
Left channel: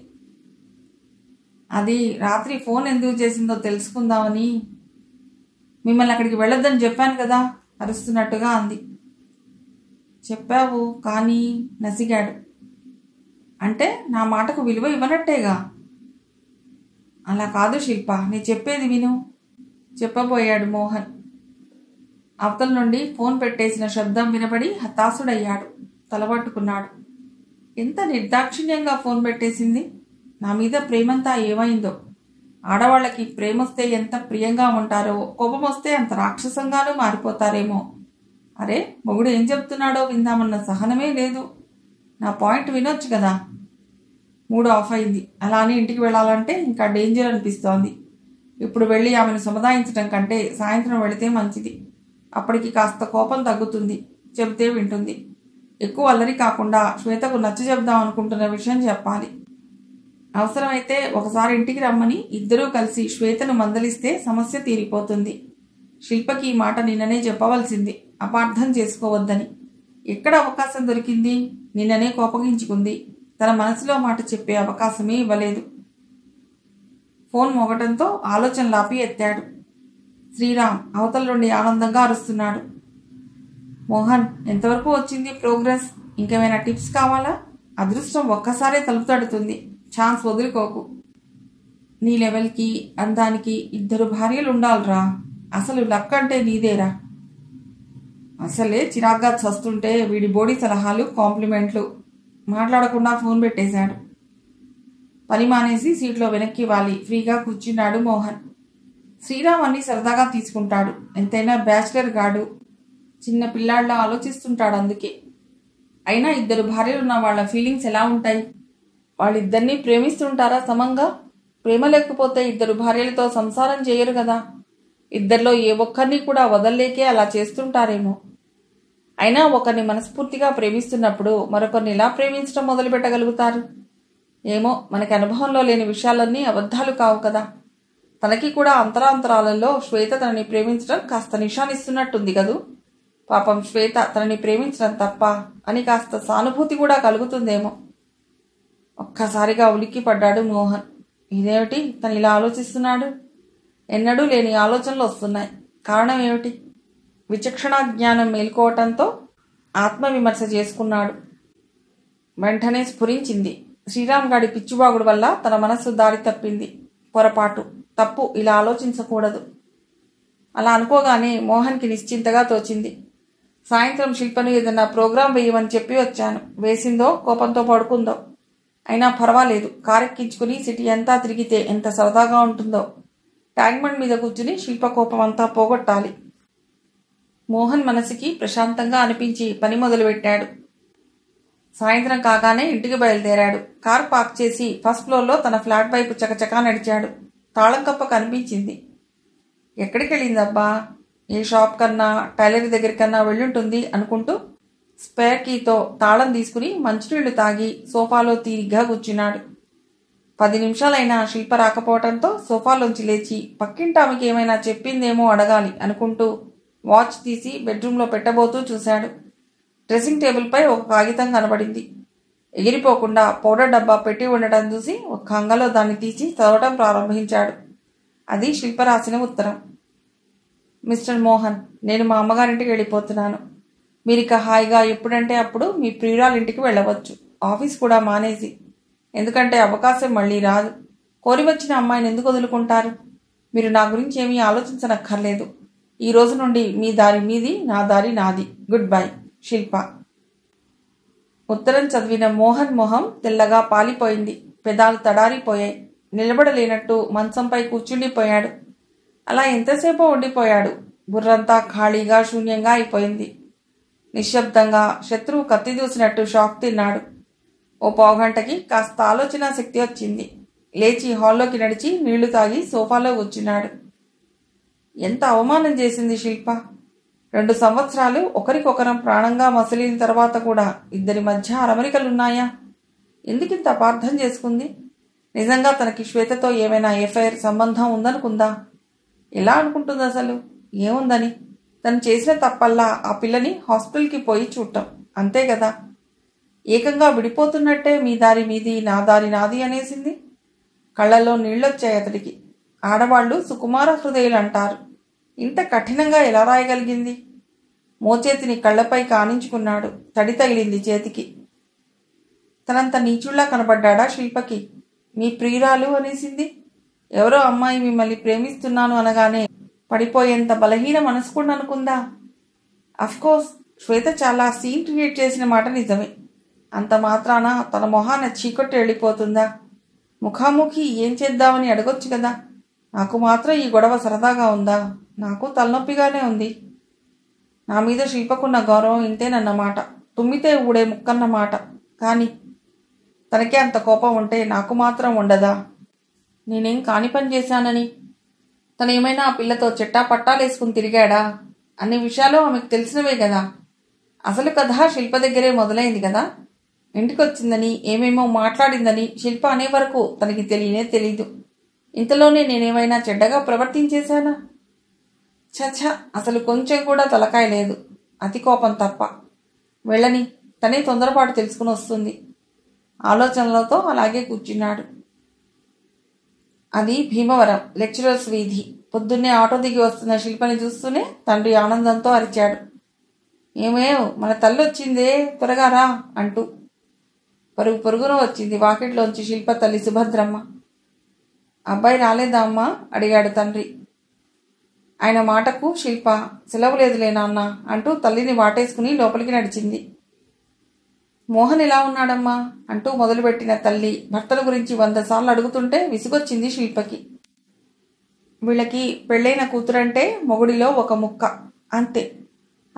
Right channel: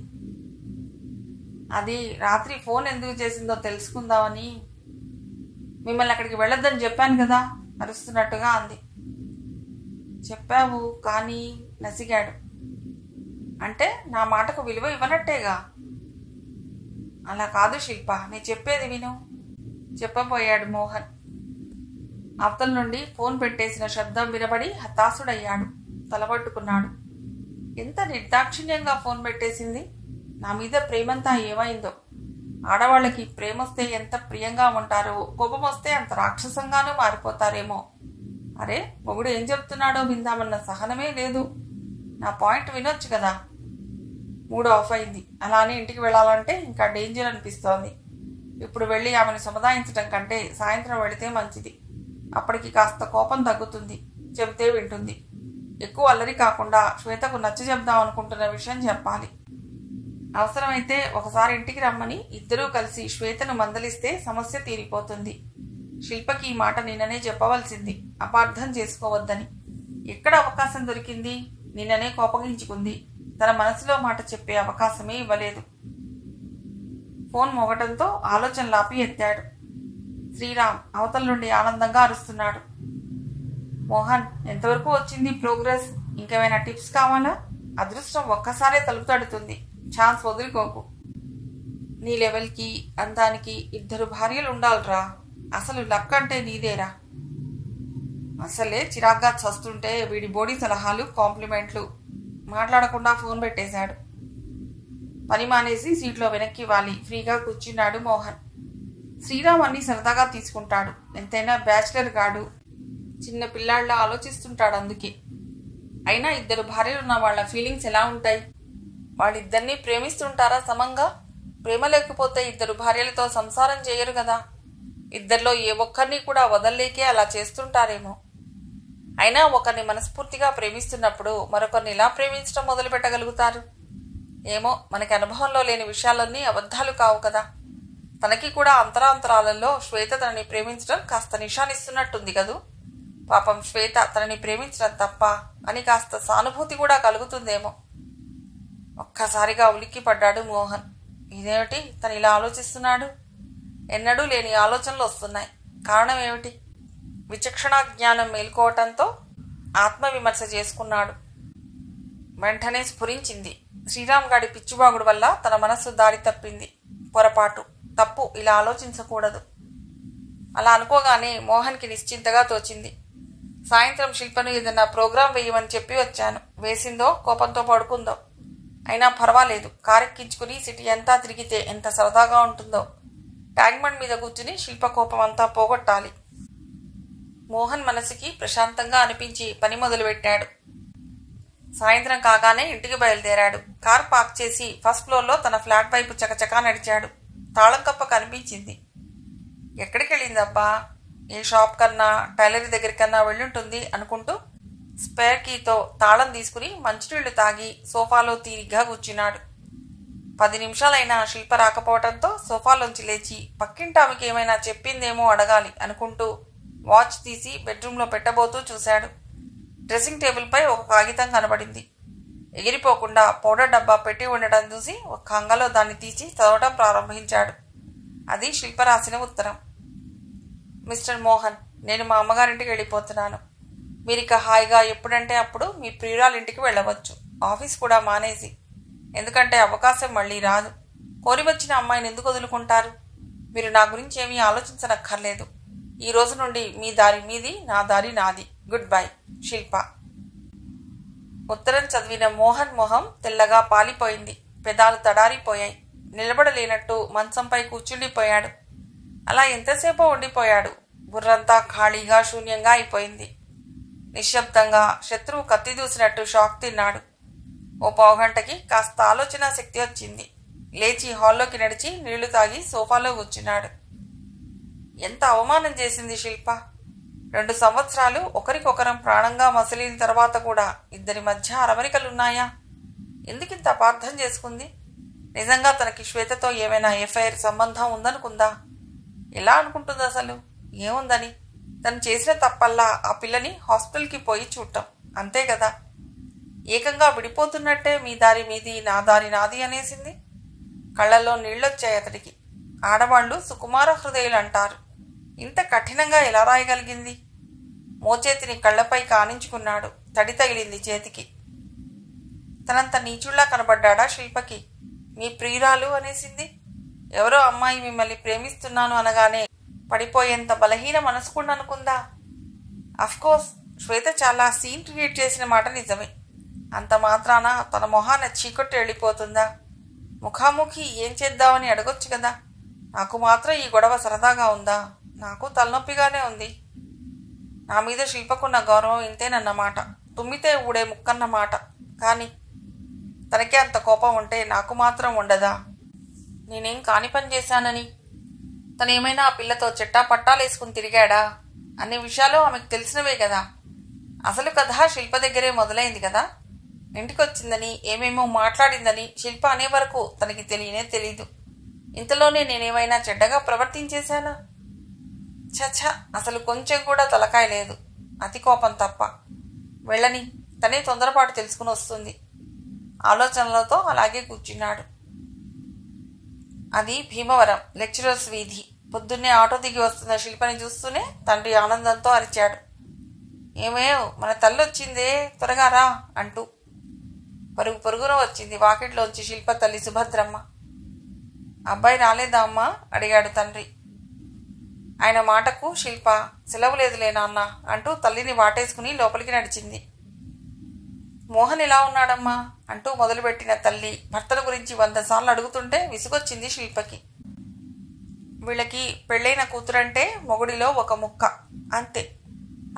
అది రాత్రి ఫోన్ ఎందుకు చేసిందో తెలుసుకుందామని. మిమ్మల్ని అక్కడికి వెళ్ళొద్దని చెప్పాను కదా అరుస్తున్నట్టుగా అంది. చెప్పావు కానీ నసిగాడు. అంటే నా మాటకు విలువ ఇవ్వనట్టేగా. అలా కాదు శిల్ప, నీ చెప్పేది విను చెప్పబోయాడు మోహన్. అవతల నుండి ఫోన్ పెట్టేసిన శబ్దం వినబడి హతాశుడయ్యాడు. తలపట్టుకున్నాడు. ఎంత నిర్దాక్షిణ్యంగా ఫోన్ పెట్టేసింది. నా మీద ప్రేమంతా ఏమైందో. ఆడవాళ్ళకి ప్రేమొస్తే ఎంత ప్రియంగా ఉంటారో కోపం వస్తే అంత రాక్షసంగానూ మారిపోతారేమో. అరే మొగుడు ఏం చెప్తున్నాడో విందామన్న సహనమే లేదు. నా పాయింట్ వినొచ్చు కదా. మూడు ఆఫ్ అయింది. అలానే ఇంటికి వెళ్ళాలంటే ఇంకా డేంజర్ అనిపిస్తోంది. ఇప్పుడు వెళ్ళి ఆమెను సముదాయించడం కంటే సాయంత్రం వెళితే మంచిది. అప్పటికి కాస్త కోపం తగ్గుతుంది. చెబితే వింటుంది. ఎక్కువ అల్లరి కాకుండా శ్వేతకు నచ్చ చెప్దాం అనుకుంటున్న విషయం చెప్పాలి. అవసరమైతే ఒకసారి ఇంటికి రమ్మని ఇద్దరూ కలిసి శ్వేతను మందలిస్తే సమస్య తీరిపోతుంది. శిల్పకి ఈ మాట నిన్ననే చెప్పవలసింది, అపార్థం చేసుకోవద్దని. ఎక్కడ అవకాశం దొరికింది? నిన్ననే కోపగించుకుంది. తన మనసులో మాట చెప్పే అవకాశమే ఇవ్వలేదు. ఫోన్ మోగటంతో ఆలోచనలాపి ఎత్తాడు. శ్రీరామ్ అవతల నుండి ఆనందంగా అరుస్తున్నాడు. మోహన్, ఎంతవరకు వచ్చింది ప్రోగ్రెస్? ఇంకేమైనా టిప్స్ కావాలా? అదృష్టం ఒక్కసారే తలుపు తడుతుంది. ఛాన్స్ వదులుకోకు. నీ లెవెల్కి అందానికి 2 భార్యలు ఉండాలిరా. అసలు లక్ అంటే నీదేరా. అసలే చిరాగ్గా చస్తుంటే వీడి బోడీ సలహాలు కాంప్లిమెంట్లు. మాట్లాడకుండా ఫోన్ పెట్టేశాడు. పని మానేసి సీట్లో వెనక్కి వాలి ఫ్రీగా కూర్చున్నాడు మోహన్. శ్రీరామ్ అన్ని సరదాగా తీసుకుంటాడు. ఎంతైనా బ్యాచిలర్ గాడు. చిన్న పిల్లాళ్ళ ఆలోచిస్తుంటాడు. అందుకే అయినా 2 భార్యలున్న వాళ్ళ ఫీలింగ్స్ ఎలా ఉంటాయి? వాళ్ళిద్దరినీ ప్రేమిస్తుంటారా సమంగా? ప్రేమ లేకపోతే 2 భార్యలతో సంసారం చేయరు కదా. ఇద్దరిలో ఏ ఒక్కరిని కూడా వదల్లేకే అలా చేస్తుంటారేమో. అయినా ఒకరిని మనస్ఫూర్తిగా ప్రేమిస్తున్నప్పుడు మరొకరిని ఎలా ప్రేమించడం మొదలు పెట్టగలుగుతారు? ఏమో, మనకి అనుభవంలో లేని విషయాలన్నీ అబద్ధాలు కావు కదా. తనకి కూడా అంతరాంతరాలలో శ్వేత తనని ప్రేమించడం కాస్త నిషానిస్తున్నట్టుంది కదూ. పాపం శ్వేత తనని ప్రేమించడం తప్ప అని కాస్త సానుభూతి కూడా కలుగుతుందేమో. ఒక్కసారిగా ఉలిక్కి పడ్డాడు మోహన్. ఇదేమిటి తను ఇలా ఆలోచిస్తున్నాడు? ఎన్నడూ లేని ఆలోచనలు వస్తున్నాయి. కారణం ఏమిటి? విచక్షణ జ్ఞానం మేల్కోవటంతో ఆత్మవిమర్శ చేసుకున్నాడు. వెంటనే స్ఫురించింది. శ్రీరామ్ గాడి పిచ్చిబాగుడు వల్ల తన మనస్సు దారి తప్పింది. పొరపాటు, తప్పు. ఇలా ఆలోచించకూడదు. అలా అనుకోగానే మోహన్కి నిశ్చింతగా తోచింది. సాయంత్రం శిల్పను ఏదన్నా ప్రోగ్రాం వేయమని చెప్పి వచ్చాను. వేసిందో కోపంతో పడుకుందో. అయినా పర్వాలేదు, కారెక్కించుకుని సిటీ అంతా తిరిగితే ఎంత సరదాగా ఉంటుందో. ట్యాంక్బండ్ మీద కూర్చుని శిల్ప కోపం అంతా పోగొట్టాలి. మోహన్ మనసుకి ప్రశాంతంగా అనిపించి పని మొదలుపెట్టాడు. సాయంత్రం కాగానే ఇంటికి బయలుదేరాడు. కార్ పార్క్ చేసి ఫస్ట్ ఫ్లోర్లో తన ఫ్లాట్ వైపు చకచకా నడిచాడు. తాళం తప్ప కనిపించింది. ఎక్కడికి వెళ్ళిందబ్బా, ఏ షాప్ కన్నా టైలర్ దగ్గరికన్నా వెళ్ళుంటుంది అనుకుంటూ స్పేర్ కీతో తాళం తీసుకుని మంచినీళ్లు తాగి సోఫాలో తీరిగ్గా కూర్చున్నాడు. 10 నిమిషాలైనా శిల్ప రాకపోవడంతో సోఫాలోంచి లేచి పక్కింటి ఆమెకి ఏమైనా చెప్పిందేమో అడగాలి అనుకుంటూ వాచ్ తీసి బెడ్రూమ్లో పెట్టబోతూ చూశాడు. డ్రెస్సింగ్ టేబుల్పై ఒక కాగితం కనబడింది. ఎగిరిపోకుండా పౌడర్ డబ్బా పెట్టి ఉండటం చూసి ఒక అంగలో దాన్ని తీసి చదవటం ప్రారంభించాడు. అది శిల్ప రాసిన ఉత్తరం. మిస్టర్ మోహన్, నేను మా అమ్మగారింటికి వెళ్ళిపోతున్నాను. మీరిక హాయిగా ఎప్పుడంటే అప్పుడు మీ ప్రియురాలింటికి వెళ్ళవచ్చు, ఆఫీస్ కూడా మానేసి. ఎందుకంటే అవకాశం మళ్ళీ రాదు. కోరి వచ్చిన అమ్మాయిని ఎందుకు వదులుకుంటారు? మీరు నా గురించి ఏమీ ఆలోచించనక్కర్లేదు. ఈ రోజు నుండి మీ దారి మీది, నా దారి నాది. గుడ్ బై, శిల్ప. ఉత్తరం చదివిన మోహన్ మొహం తెల్లగా పాలిపోయింది. పెదాలు తడారిపోయాయి. నిలబడలేనట్టు మంచంపై కూర్చుండిపోయాడు. అలా ఎంతసేపో ఉండిపోయాడు. బుర్రంతా ఖాళీగా శూన్యంగా అయిపోయింది. నిశ్శబ్దంగా శత్రువు కత్తి దూసినట్టు షాక్ తిన్నాడు. ఓ పావుగంటకి కాస్త ఆలోచన శక్తి వచ్చింది. లేచి హాల్లోకి నడిచి నీళ్లు తాగి సోఫాలో కూర్చున్నాడు. ఎంత అవమానం చేసింది శిల్ప. 2 సంవత్సరాలు ఒకరికొకరం ప్రాణంగా మసలిన తర్వాత కూడా ఇద్దరి మధ్య అరమరికలున్నాయా? ఎందుకింత అపార్థం చేసుకుంది? నిజంగా తనకి శ్వేతతో ఏమైనా ఎఫ్ఐఆర్ సంబంధం ఉందనుకుందా? ఎలా అనుకుంటుంది అసలు? ఏముందని? తను చేసిన తప్పల్లా ఆ పిల్లని హాస్పిటల్కి పోయి చూడటం, అంతే కదా. ఏకంగా విడిపోతున్నట్టే మీ దారి మీది, నా దారి నాది అనేసింది. కళ్ళల్లో నీళ్లొచ్చాయి అతడికి. ఆడవాళ్లు సుకుమార హృదయులు అంటారు. ఇంత కఠినంగా ఎలా రాయగలిగింది? మోచేతిని కళ్లపై కానించుకున్నాడు. తడి తగిలింది చేతికి. తనంత నీచుళ్లా కనబడ్డా శిల్పకి? మీ ప్రియురాలు అనేసింది. ఎవరో అమ్మాయి మిమ్మల్ని ప్రేమిస్తున్నాను అనగానే పడిపోయేంత బలహీన మనసుకుండా అనుకుందా? అఫ్కోర్స్ శ్వేత చాలా సీన్ క్రియేట్ చేసిన మాట నిజమే. అంత మాత్రాన తన మొహాన చీకొట్టి వెళ్ళిపోతుందా? ముఖాముఖి ఏం చేద్దామని అడగొచ్చు కదా. నాకు మాత్రం ఈ గొడవ సరదాగా ఉందా? నాకు తలనొప్పిగానే ఉంది. నా మీద శిల్పకున్న గౌరవం ఇంతేనన్నమాట. తుమ్మితే ఊడే ముక్కన్నమాట. కానీ తనకే అంత కోపం ఉంటే నాకు మాత్రం ఉండదా? నేనేం కాని పని చేశానని? తనేమైనా ఆ పిల్లతో చెట్టా పట్టాలేసుకుని తిరిగాడా? అన్ని విషయాలు ఆమెకు తెలిసినవే కదా. అసలు కథ శిల్ప దగ్గరే మొదలైంది కదా. ఇంటికొచ్చిందని ఏమేమో మాట్లాడిందని శిల్ప అనే వరకు తనకి తెలియనే తెలీదు. ఇంతలోనే నేనేమైనా చెడ్డగా ప్రవర్తించేశానా? చచ్చ, అసలు కొంచెం కూడా తలకాయ లేదు. అతి కోపం తప్ప. వెళ్ళని, తనే తొందరపాటు తెలుసుకుని వస్తుంది. ఆలోచనలతో అలాగే కూర్చున్నాడు. అది భీమవరం లెక్చరర్స్ వీధి. పొద్దున్నే ఆటో దిగి వస్తున్న శిల్పని చూస్తూనే తండ్రి ఆనందంతో అరిచాడు. ఏమేవ్, మన తల్లొచ్చిందే, త్వరగా రా అంటూ. పరుగు పరుగున వచ్చింది వాకిట్లోంచి శిల్ప తల్లి సుభద్రమ్మ. అబ్బాయి రాలేదా అమ్మా? అడిగాడు తండ్రి. ఆయన మాటకు శిల్ప సెలవు లేదులే నాన్న అంటూ తల్లిని వాటేసుకుని లోపలికి నడిచింది. మోహన్ ఎలా ఉన్నాడమ్మా అంటూ మొదలుపెట్టిన తల్లి భర్తల గురించి 100 సార్లు అడుగుతుంటే విసుగొచ్చింది శిల్పకి. వీళ్ళకి పెళ్ళైన కూతురంటే మొగుడిలో ఒక ముక్క అంతే.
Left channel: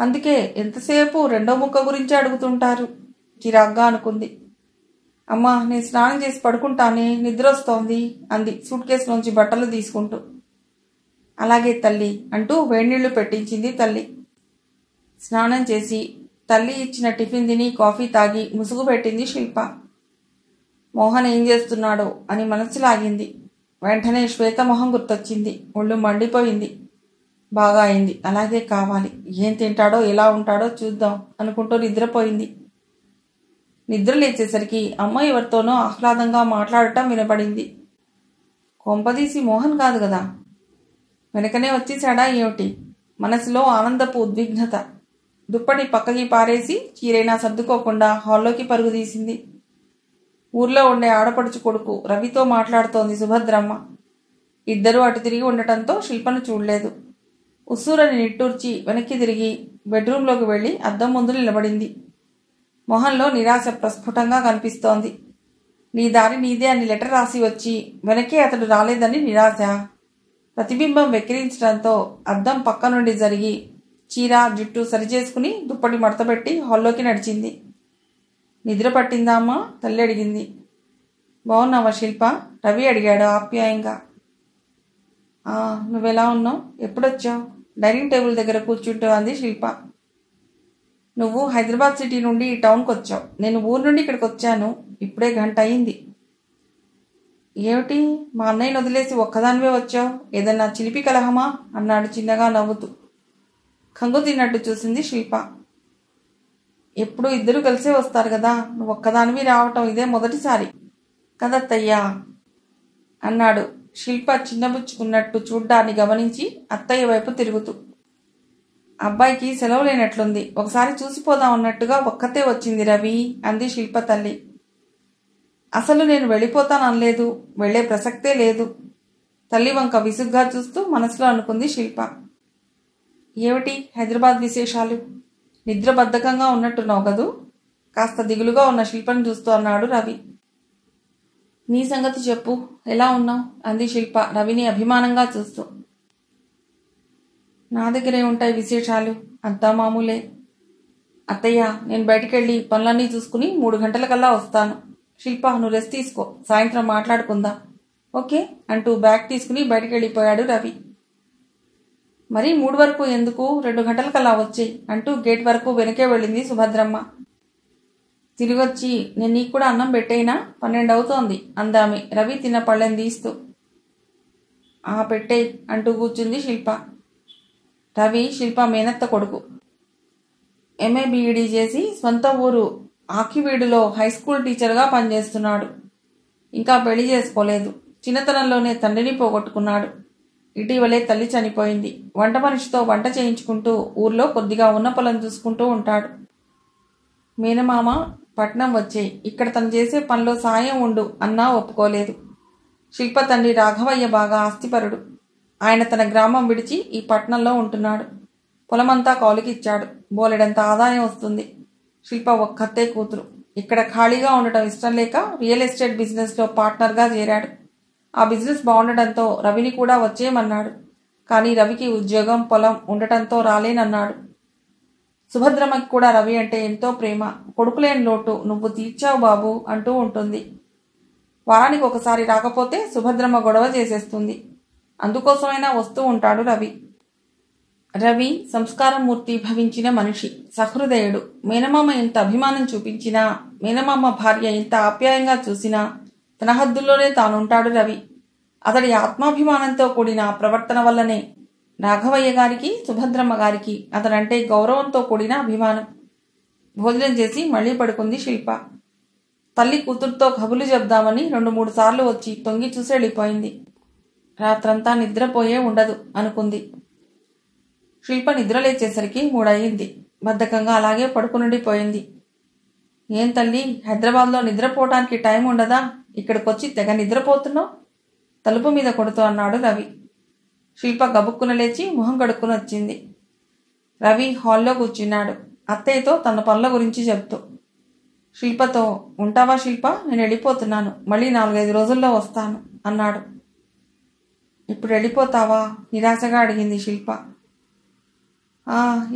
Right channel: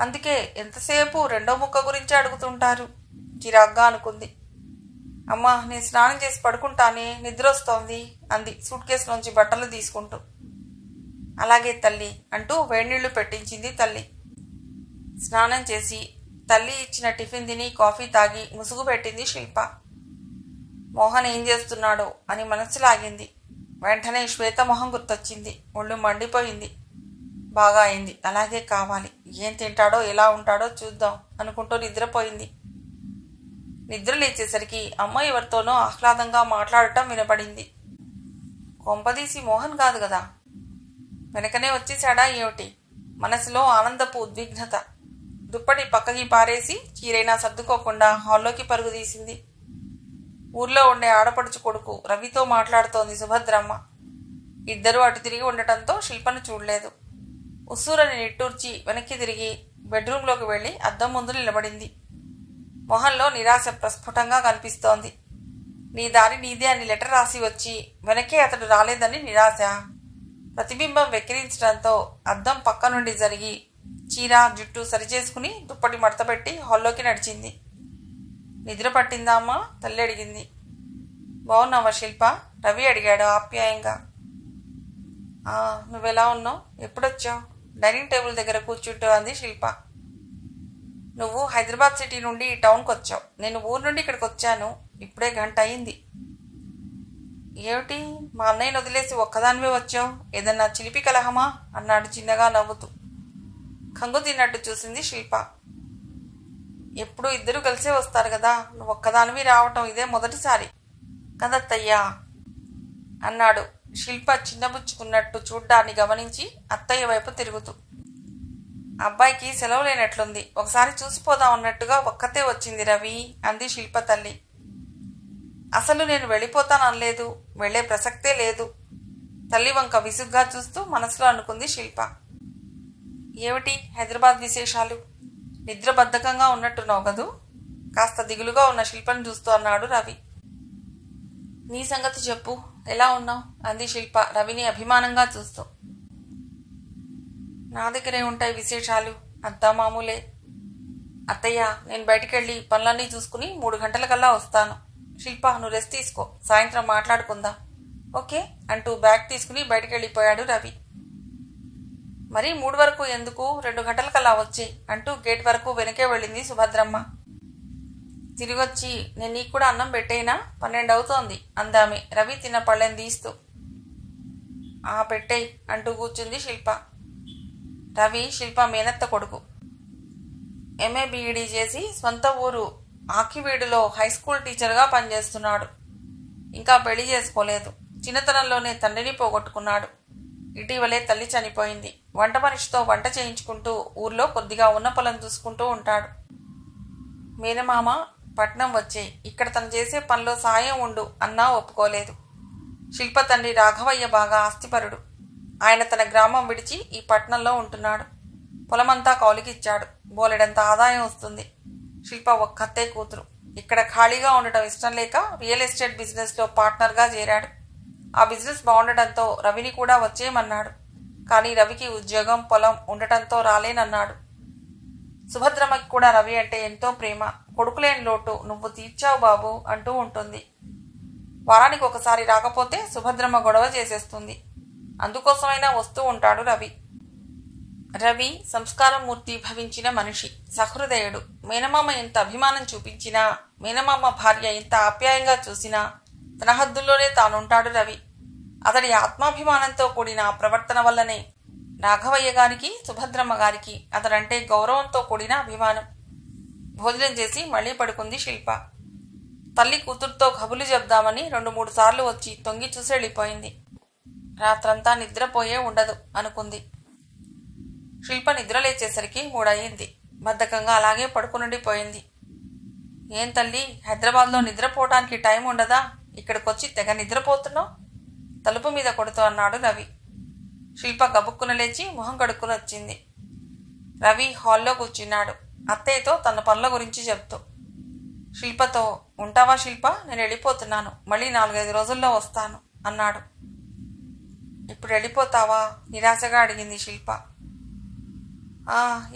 అందుకే ఎంతసేపు రెండో ముక్క గురించి అడుగుతుంటారు. చిరాగ్గా అనుకుంది. అమ్మా, నేను స్నానం చేసి పడుకుంటానే, నిద్ర వస్తోంది అంది సూట్ కేసులోంచి బట్టలు తీసుకుంటూ. అలాగే తల్లి అంటూ వేడినీళ్లు పెట్టించింది తల్లి. స్నానం చేసి తల్లి ఇచ్చిన టిఫిన్ తిని కాఫీ తాగి ముసుగు పెట్టింది శిల్ప. మోహన్ ఏం చేస్తున్నాడో అని మనసు లాగింది. వెంటనే శ్వేత మొహం గుర్తొచ్చింది. ఒళ్ళు మండిపోయింది. బాగా అయింది, అలాగే కావాలి. ఏం తింటాడో ఎలా ఉంటాడో చూద్దాం అనుకుంటూ నిద్రపోయింది. నిద్ర లేచేసరికి అమ్మ ఎవరితోనో ఆహ్లాదంగా మాట్లాడటం వినపడింది. కొంపదీసి మోహన్ కాదు కదా. వెనకనే వచ్చేశాడా ఏమిటి? మనసులో ఆనందపు ఉద్విగ్నత. దుప్పటి పక్కకి పారేసి చీరైనా సర్దుకోకుండా హాల్లోకి పరుగు తీసింది. ఊర్లో ఉండే ఆడపడుచు కొడుకు రవితో మాట్లాడుతోంది సుభద్రమ్మ. ఇద్దరూ అటు తిరిగి ఉండటంతో శిల్పను చూడలేదు. ఉస్సూరని నిట్టూర్చి వెనక్కి తిరిగి బెడ్రూంలోకి వెళ్లి అద్దం ముందు నిలబడింది. మొహంలో నిరాశ ప్రస్ఫుటంగా కనిపిస్తోంది. నీ దారి నీదే అని లెటర్ రాసి వచ్చి వెనకే అతడు రాలేదని నిరాశ. ప్రతిబింబం వెక్కిరించడంతో అద్దం పక్క నుండి జరిగి చీర జుట్టు సరిచేసుకుని దుప్పటి మడతపెట్టి హాల్లోకి నడిచింది. నిద్ర పట్టిందా అమ్మా? తల్లి అడిగింది. బాగున్నావా శిల్ప? రవి అడిగాడు ఆప్యాయంగా. నువ్వెలా ఉన్నావు? ఎప్పుడొచ్చావు? డైనింగ్ టేబుల్ దగ్గర కూర్చుంటూ అంది శిల్ప. నువ్వు హైదరాబాద్ సిటీ నుండి ఈ టౌన్కి వచ్చావు. నేను ఊరు నుండి ఇక్కడికి వచ్చాను. ఇప్పుడే గంట అయింది. ఏమిటి, మా అన్నయ్యను వదిలేసి ఒక్కదానివే వచ్చావు? ఏదన్నా చిలిపి కలహమా? అన్నాడు చిన్నగా నవ్వుతూ. కంగు తిన్నట్టు చూసింది శిల్ప. ఎప్పుడు ఇద్దరు కలిసే వస్తారు కదా, నువ్వు ఒక్కదానివి రావటం ఇదే మొదటిసారి కదత్తయ్యా అన్నాడు శిల్ప చిన్నబుచ్చుకున్నట్టు చూడ్డాన్ని గమనించి అత్తయ్య వైపు తిరుగుతూ. అబ్బాయికి సెలవు లేనట్లుంది, ఒకసారి చూసిపోదాం అన్నట్టుగా ఒక్కతే వచ్చింది రవి అంది శిల్ప తల్లి. అసలు నేను వెళ్ళిపోతాననలేదు, వెళ్లే ప్రసక్తే లేదు. తల్లి వంక విసుగ్గా చూస్తూ మనసులో అనుకుంది శిల్ప. ఏమిటి హైదరాబాద్ విశేషాలు? నిద్ర బద్ధకంగా ఉన్నట్టున్నావు కదూ? కాస్త దిగులుగా ఉన్న శిల్పను చూస్తూ అన్నాడు రవి. నీ సంగతి చెప్పు, ఎలా ఉన్నావు అంది శిల్ప రవిని అభిమానంగా చూస్తూ. నా దగ్గరే ఉంటాయి విశేషాలు, అంతా మామూలే. అత్తయ్య, నేను బయటికెళ్ళి పనులన్నీ చూసుకుని 3 గంటలకల్లా వస్తాను. శిల్ప, నువ్వు రెస్ట్ తీసుకో, సాయంత్రం మాట్లాడుకుందాం. ఓకే అంటూ బ్యాగ్ తీసుకుని బయటికెళ్ళిపోయాడు రవి. మరీ 3 వరకు ఎందుకు, 2 గంటలకల్లా వచ్చేయి అంటూ గేట్ వరకు వెనకే వెళ్ళింది సుభద్రమ్మ. తిరిగొచ్చి నేను నీకు కూడా అన్నం పెట్టేయినా, 12 అవుతోంది అందామె రవి తిన్న పళ్ళెం తీస్తూ. పెట్టేయి అంటూ కూర్చుంది శిల్ప. రవి శిల్ప మేనత్త కొడుకు. ఎంఏ బీఈడీ చేసి స్వంత ఊరు ఆకివీడులో హైస్కూల్ టీచర్గా పనిచేస్తున్నాడు. ఇంకా పెళ్లి చేసుకోలేదు. చిన్నతనంలోనే తండ్రిని పోగొట్టుకున్నాడు. ఇటీవలే తల్లి చనిపోయింది. వంట మనిషితో వంట చేయించుకుంటూ ఊర్లో కొద్దిగా ఉన్న పొలం చూసుకుంటూ ఉంటాడు. మేనమామ పట్నం వచ్చేయి, ఇక్కడ తను చేసే పనిలో సాయం ఉండు అన్నా ఒప్పుకోలేదు. శిల్ప తండ్రి రాఘవయ్య బాగా ఆస్తిపరుడు. ఆయన తన గ్రామం విడిచి ఈ పట్నంలో ఉంటున్నాడు. పొలమంతా కౌలుకిచ్చాడు. బోలెడంత ఆదాయం వస్తుంది. శిల్ప ఒక్కతే కూతురు. ఇక్కడ ఖాళీగా ఉండటం ఇష్టం లేక రియల్ ఎస్టేట్ బిజినెస్లో పార్ట్నర్గా చేరాడు. ఆ బిజినెస్ బాగుండటంతో రవిని కూడా వచ్చేయమన్నాడు. కానీ రవికి ఉద్యోగం పొలం ఉండటంతో రాలేనన్నాడు. సుభద్రమ్మకి కూడా రవి అంటే ఎంతో ప్రేమ. కొడుకులేని లోటు నువ్వు తీర్చావు బాబు అంటూ ఉంటుంది. వారానికి ఒకసారి రాకపోతే సుభద్రమ్మ గొడవ చేసేస్తుంది. అందుకోసమైనా వస్తూ ఉంటాడు రవి. రవి సంస్కారమూర్తి భవించిన మనిషి, సహృదయుడు. మేనమామ ఎంత అభిమానం చూపించినా, మేనమామ భార్య ఎంత ఆప్యాయంగా చూసినా తన హద్దుల్లోనే తానుంటాడు రవి. అతడి ఆత్మాభిమానంతో కూడిన ప్రవర్తన వల్లనే రాఘవయ్య గారికి, సుభద్రమ్మ గారికి అతడంటే గౌరవంతో కూడిన అభిమానం. భోజనం చేసి మళ్లీ పడుకుంది శిల్ప. తల్లి కూతురుతో కబులు చెప్దామని 2-3 సార్లు వచ్చి తొంగి చూసి వెళ్ళిపోయింది. రాత్రంతా నిద్రపోయే ఉండదు అనుకుంది. శిల్ప నిద్రలేచేసరికి 3 అయింది. బద్ధకంగా అలాగే పడుకునుండిపోయింది. ఏం తల్లి, హైదరాబాద్లో నిద్రపోవటానికి టైం ఉండదా? ఇక్కడికొచ్చి తెగ నిద్రపోతున్నావు తలుపు మీద కొడుతూ అన్నాడు రవి. శిల్ప గబుక్కున లేచి మొహం కడుక్కుని వచ్చింది. రవి హాల్లో కూర్చున్నాడు, అత్తయ్యతో తన పనుల గురించి చెప్తూ. శిల్పతో, ఉంటావా శిల్ప, నేను వెళ్ళిపోతున్నాను, మళ్ళీ 4-5 రోజుల్లో వస్తాను అన్నాడు. ఇప్పుడు వెళ్ళిపోతావా? నిరాశగా అడిగింది శిల్ప.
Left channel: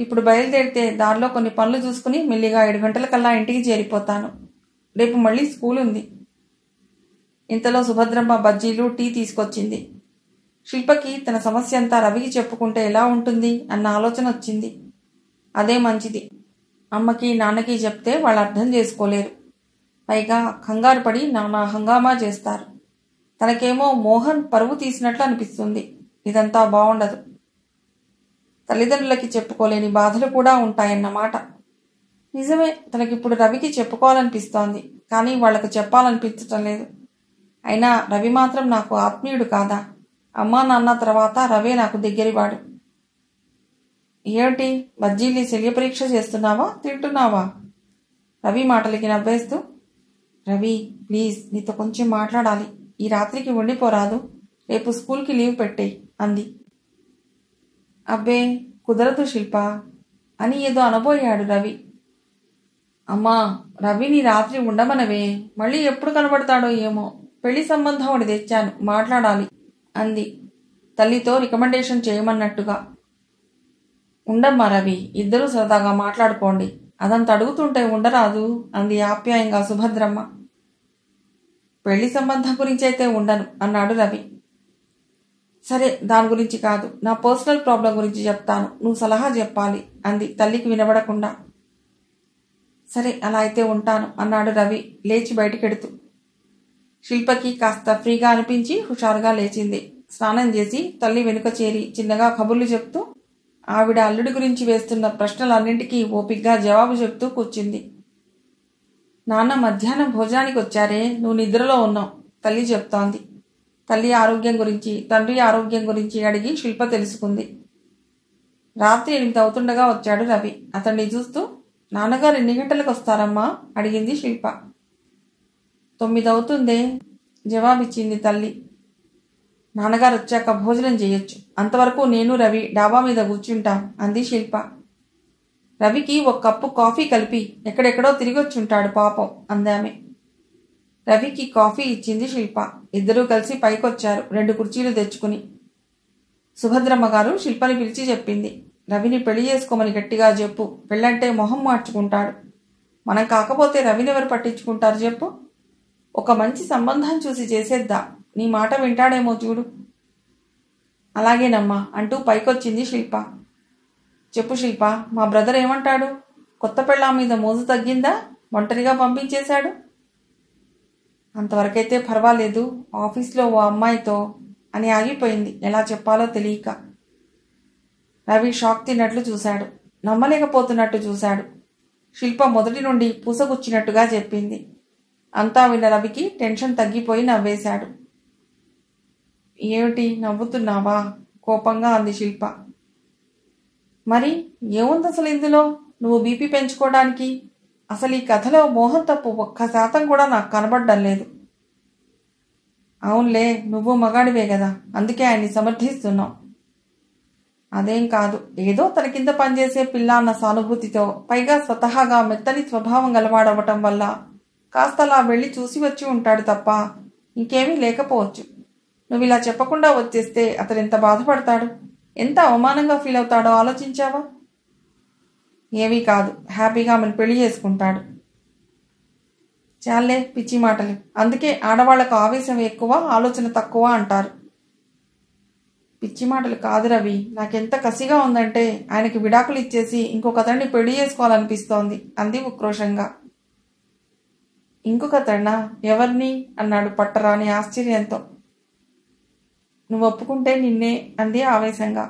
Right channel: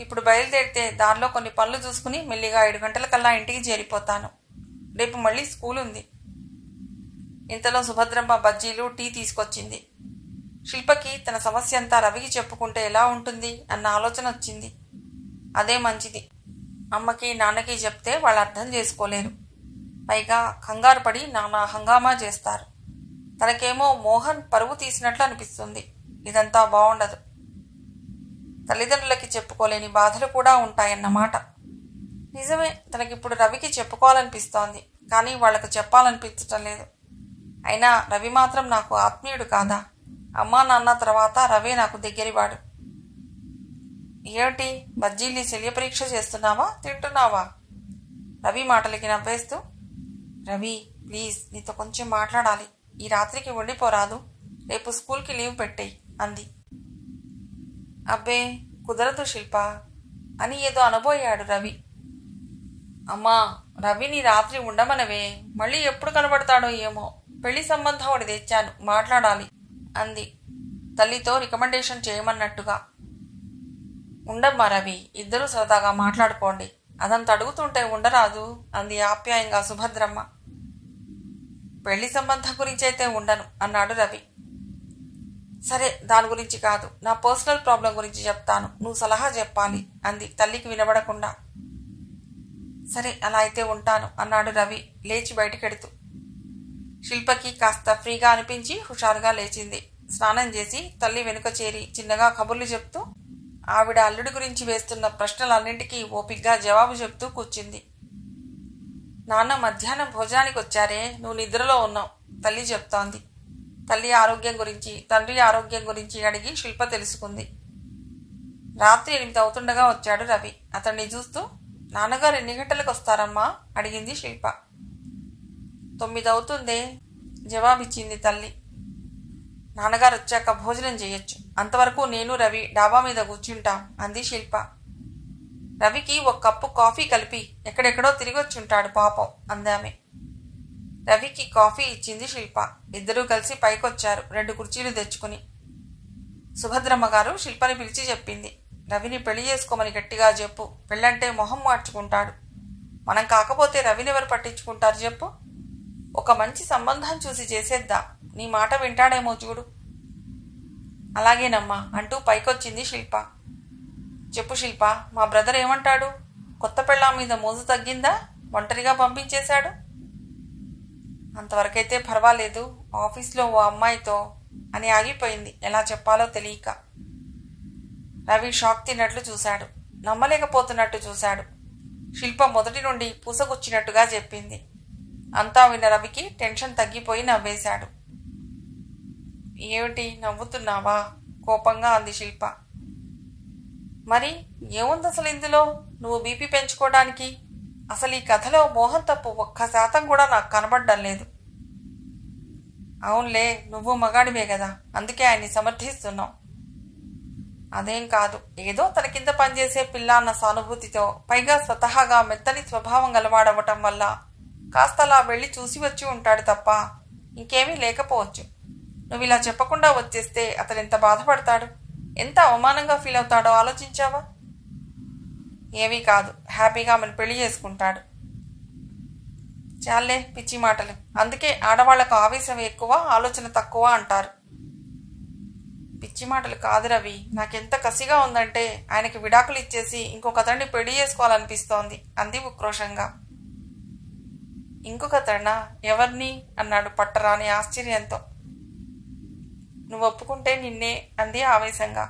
ఇప్పుడు బయలుదేరితే దారిలో కొన్ని పనులు చూసుకుని మెల్లిగా 7 గంటలకల్లా ఇంటికి చేరిపోతాను. రేపు మళ్ళీ స్కూల్ ఉంది. ఇంతలో సుభద్రమ్మ బజ్జీలు, టీ తీసుకొచ్చింది. శిల్పకి తన సమస్య అంతా రవికి చెప్పుకుంటే ఎలా ఉంటుంది అన్న ఆలోచన వచ్చింది. అదే మంచిది. అమ్మకి నాన్నకి చెప్తే వాళ్ళు అర్థం చేసుకోలేరు. పైగా కంగారు పడి నానా హంగామా చేస్తారు. తనకేమో మోహన్ పరువు తీసినట్లు అనిపిస్తుంది. ఇదంతా బాగుండదు. తల్లిదండ్రులకి చెప్పుకోలేని బాధలు కూడా ఉంటాయన్నమాట. నిజమే, తనకిప్పుడు రవికి చెప్పుకోవాలనిపిస్తోంది. కానీ వాళ్లకు చెప్పాలనిపించటం లేదు. అయినా రవి మాత్రం నాకు ఆత్మీయుడు కాదా? అమ్మా నాన్న తర్వాత రవే నాకు దగ్గరివాడు. ఏమిటి, బజ్జీల్ని శల్యపరీక్ష చేస్తున్నావా, తింటున్నావా? రవి మాటలకి నవ్వేస్తూ. రవి ప్లీజ్, నీతో కొంచెం మాట్లాడాలి. ఈ రాత్రికి ఉండిపోరాదు, రేపు స్కూల్కి లీవ్ పెట్టేయి అంది. అబ్బే కుదరదు శిల్ప అని ఏదో అనబోయాడు రవి. అమ్మా, రవిని రాత్రి ఉండమనవే, మళ్ళీ ఎప్పుడు కనబడతాడో ఏమో. పెళ్లి సంబంధం ఒకటి తెచ్చాను, మాట్లాడాలి అంది తల్లితో రికమెండేషన్ చేయమన్నట్టుగా. ఉండమ్మా రవి, ఇద్దరూ సరదాగా మాట్లాడుకోండి. అదంత అడుగుతుంటే ఉండరాదు అంది ఆప్యాయంగా సుభద్రమ్మ. పెళ్లి సంబంధం గురించి అయితే ఉండను అన్నాడు రవి. సరే, దాని గురించి కాదు, నా పర్సనల్ ప్రాబ్లం గురించి చెప్తాను, నువ్వు సలహా చెప్పాలి అంది తల్లికి వినబడకుండా. సరే, అలా అయితే ఉంటాను అన్నాడు రవి లేచి బయటికెడుతూ. శిల్పకి కాస్త ఫ్రీగా అనిపించి హుషారుగా లేచింది. స్నానం చేసి తల్లి వెనుక చేరి చిన్నగా కబుర్లు చెప్తూ ఆవిడ అల్లుడి గురించి వేస్తున్న ప్రశ్నలన్నింటికీ ఓపిగ్గా జవాబు చెప్తూ కూర్చుంది. నాన్న మధ్యాహ్నం భోజనానికి వచ్చారే, నువ్వు నిద్రలో ఉన్నావు తల్లి చెప్తోంది. తల్లి ఆరోగ్యం గురించి, తండ్రి ఆరోగ్యం గురించి అడిగి శిల్ప తెలుసుకుంది. రాత్రి 8 అవుతుండగా వచ్చాడు రవి. అతన్ని చూస్తూ, నాన్నగారు ఎన్ని గంటలకు వస్తారమ్మా అడిగింది శిల్ప. 9 అవుతుందే జవాబిచ్చింది తల్లి. నాన్నగారు వచ్చాక భోజనం చేయొచ్చు, అంతవరకు నేను రవి డాబా మీద కూర్చుంటాం అంది శిల్ప. రవికి 1 కప్పు కాఫీ కలిపి ఎక్కడెక్కడో తిరిగొచ్చుంటాడు పాపం అందామె. రవికి కాఫీ ఇచ్చింది శిల్ప. ఇద్దరూ కలిసి పైకొచ్చారు 2 కుర్చీలు తెచ్చుకుని. సుభద్రమ్మ గారు శిల్పని పిలిచి చెప్పింది, రవిని పెళ్లి చేసుకోమని గట్టిగా చెప్పు, పెళ్ళంటే మొహం మార్చుకుంటాడు. మనం కాకపోతే రవిని ఎవరు పట్టించుకుంటారు చెప్పు. ఒక మంచి సంబంధం చూసి చేసేద్దా, నీ మాట వింటాడేమో చూడు. అలాగేనమ్మా అంటూ పైకొచ్చింది శిల్ప. చెప్పు శిల్ప, మా బ్రదర్ ఏమంటాడు? కొత్త పెళ్ళాం మీద మోజు తగ్గిందా? ఒంటరిగా పంపించేశాడు? అంతవరకైతే పర్వాలేదు, ఆఫీస్లో ఓ అమ్మాయితో అని ఆగిపోయింది ఎలా చెప్పాలో తెలియక. రవి షాక్ తిన్నట్లు చూశాడు, నమ్మలేకపోతున్నట్టు చూశాడు. శిల్ప మొదటి నుండి పూసగుచ్చినట్టుగా చెప్పింది. అంతా విన్న రవికి టెన్షన్ తగ్గిపోయి నవ్వేశాడు. ఏమిటి నవ్వుతున్నావా కోపంగా అంది శిల్ప. మరి ఏముంది అసలు ఇందులో, నువ్వు బీపీ పెంచుకోవడానికి? అసలు ఈ కథలో మోహన్ తప్పు 1% కూడా నాకు కనబడ్డం లేదు. అవునులే, నువ్వు మగాడివే కదా, అందుకే ఆయన్ని సమర్థిస్తున్నావు. అదేం కాదు, ఏదో తన కింద పనిచేసే పిల్ల అన్న సానుభూతితో, పైగా స్వతహాగా మెత్తని స్వభావం గలవాడవటం వల్ల కాస్త అలా వెళ్ళి చూసి వచ్చి ఉంటాడు తప్ప ఇంకేమీ లేకపోవచ్చు. నువ్వు ఇలా చెప్పకుండా వచ్చేస్తే అతను ఎంత బాధపడతాడు, ఎంత అవమానంగా ఫీల్ అవుతాడో ఆలోచించావా? ఏమీ కాదు, హ్యాపీగా మన పెళ్లి చేసుకుంటాడు. చాలే పిచ్చి మాటలు, అందుకే ఆడవాళ్లకు ఆవేశం ఎక్కువ ఆలోచన తక్కువ అంటారు. పిచ్చి మాటలు కాదు రవి, నాకెంత కసిగా ఉందంటే ఆయనకి విడాకులు ఇచ్చేసి ఇంకొకతడిని పెళ్లి చేసుకోవాలనిపిస్తోంది అంది ఉక్రోషంగా. ఇంకొకతడినా? ఎవరిని అన్నాడు పట్టరాని ఆశ్చర్యంతో. నువ్వు ఒప్పుకుంటే నిన్నే అంది ఆవేశంగా.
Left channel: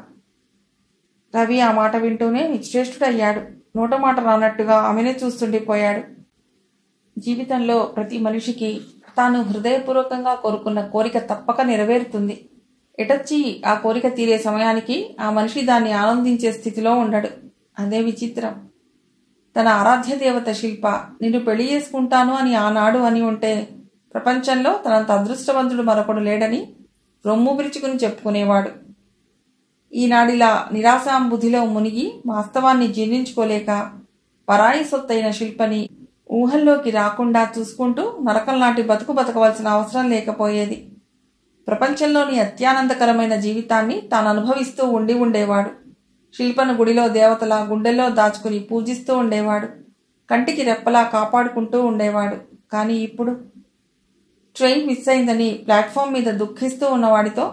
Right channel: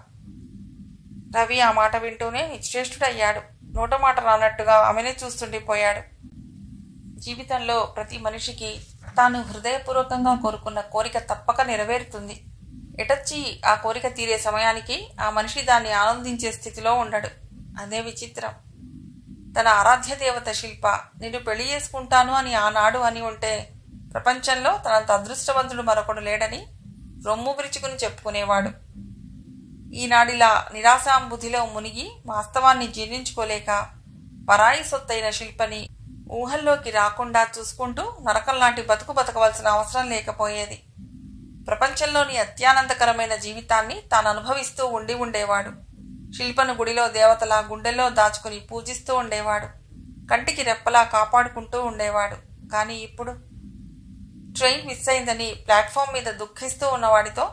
రవి ఆ మాట వింటూనే నిశ్చేష్టుడయ్యాడు. నోట మాట రానట్టుగా ఆమెనే చూస్తుండిపోయాడు. జీవితంలో ప్రతి మనిషికి తాను హృదయపూర్వకంగా కోరుకున్న కోరిక తప్పక నెరవేరుతుంది. ఎటొచ్చి ఆ కోరిక తీరే సమయానికి ఆ మనిషి దాన్ని ఆనందించే స్థితిలో ఉండడు. అదే విచిత్రం. తన ఆరాధ్య దేవత శిల్ప నిన్ను పెళ్లి చేసుకుంటాను అని ఆనాడు అని ఉంటే ప్రపంచంలో తనంత అదృష్టవంతుడు మరొకడు లేడని రొమ్ము విరుచుకుని చెప్పుకునేవాడు. ఈనాడిలా నిరాశాంబుధిలో మునిగి వాస్తవాన్ని జీర్ణించుకోలేక పరాయి సొత్తైన శిల్పని ఊహల్లోకి రాకుండా చూసుకుంటూ నరకంలాంటి బతుకు బతకవలసిన అవసరం లేకపోయేది. ప్రపంచంలోని అత్యానందకరమైన జీవితాన్ని తాను అనుభవిస్తూ ఉండేవాడు. శిల్పను గుడిలో దేవతలా గుండెల్లో దాచుకుని పూజిస్తూ ఉండేవాడు. కంటికి రెప్పలా కాపాడుకుంటూ ఉండేవాడు. కానీ ఇప్పుడు ట్రైన్ మిస్ అయిందని ప్లాట్ఫామ్ మీద దుఃఖిస్తూ ఉన్నవాడితో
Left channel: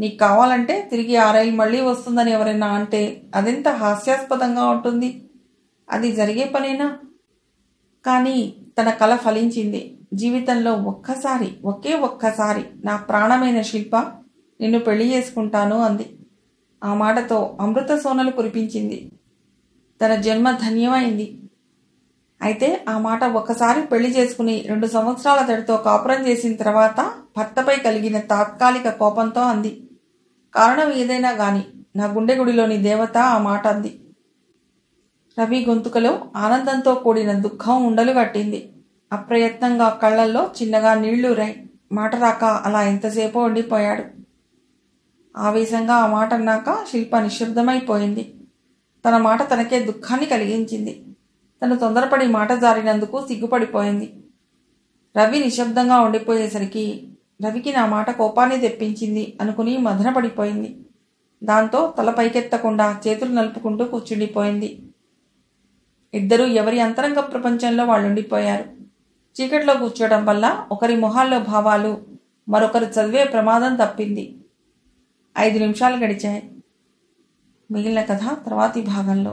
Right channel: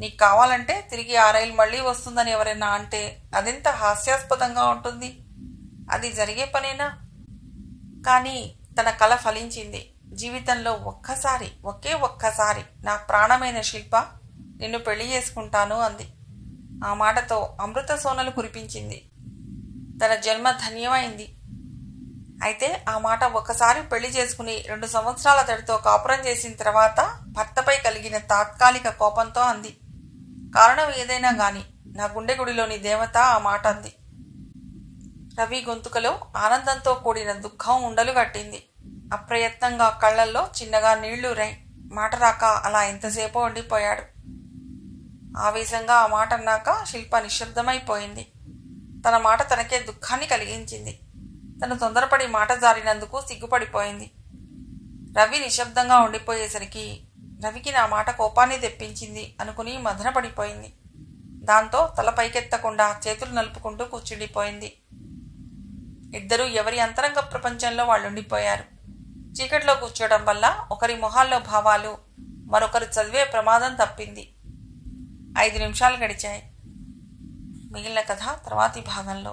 నీకు కావాలంటే తిరిగి ఆ రైలు మళ్లీ వస్తుందని ఎవరైనా అంటే అదెంత హాస్యాస్పదంగా ఉంటుంది. అది జరిగే పనేనా? కానీ తన కల ఫలించింది. జీవితంలో ఒకే ఒక్కసారి నా ప్రాణమైన శిల్ప నిన్ను పెళ్లి చేసుకుంటాను అంది. ఆ మాటతో అమృత సోనలు కురిపించింది. తన జన్మ ధన్యమైంది. అయితే ఆ మాట ఒక్కసారి పెళ్లి చేసుకుని 2 సంవత్సరాల తడితో కాపురం చేసిన తర్వాత భర్తపై కలిగిన తాత్కాలిక కోపంతో అంది. కారణం ఏదైనా గాని నా గుండె గుడిలోని దేవత ఆ మాట అంది. రవి గొంతుకలో ఆనందంతో కూడిన దుఃఖం ఉండలు కట్టింది. అప్రయత్నంగా కళ్లల్లో చిన్నగా నీళ్లూరాయి. మాట రాక అలా ఎంతసేపో ఉండిపోయాడు. ఆవేశంగా ఆ మాట అన్నాక శిల్ప నిశ్శబ్దమైపోయింది. తన మాట తనకే దుఃఖాన్ని కలిగించింది. తను తొందరపడి మాట జారినందుకు సిగ్గుపడిపోయింది. రవి నిశ్శబ్దంగా ఉండిపోయేసరికి రవికి నా మాట కోపాన్ని తెప్పించింది అనుకుని మదనపడిపోయింది. దాంతో తల పైకెత్తకుండా చేతులు నలుపుకుంటూ కూర్చుండిపోయింది. ఇద్దరూ ఎవరి అంతరంగ ప్రపంచంలో వాళ్ళుండిపోయారు. చీకట్లో కూర్చోవడం వల్ల ఒకరి మొహాల్లో భావాలు మరొకరు చదివే ప్రమాదం తప్పింది. 5 నిమిషాలు గడిచాయి. మిగిలిన కథ తర్వాతి భాగంలో.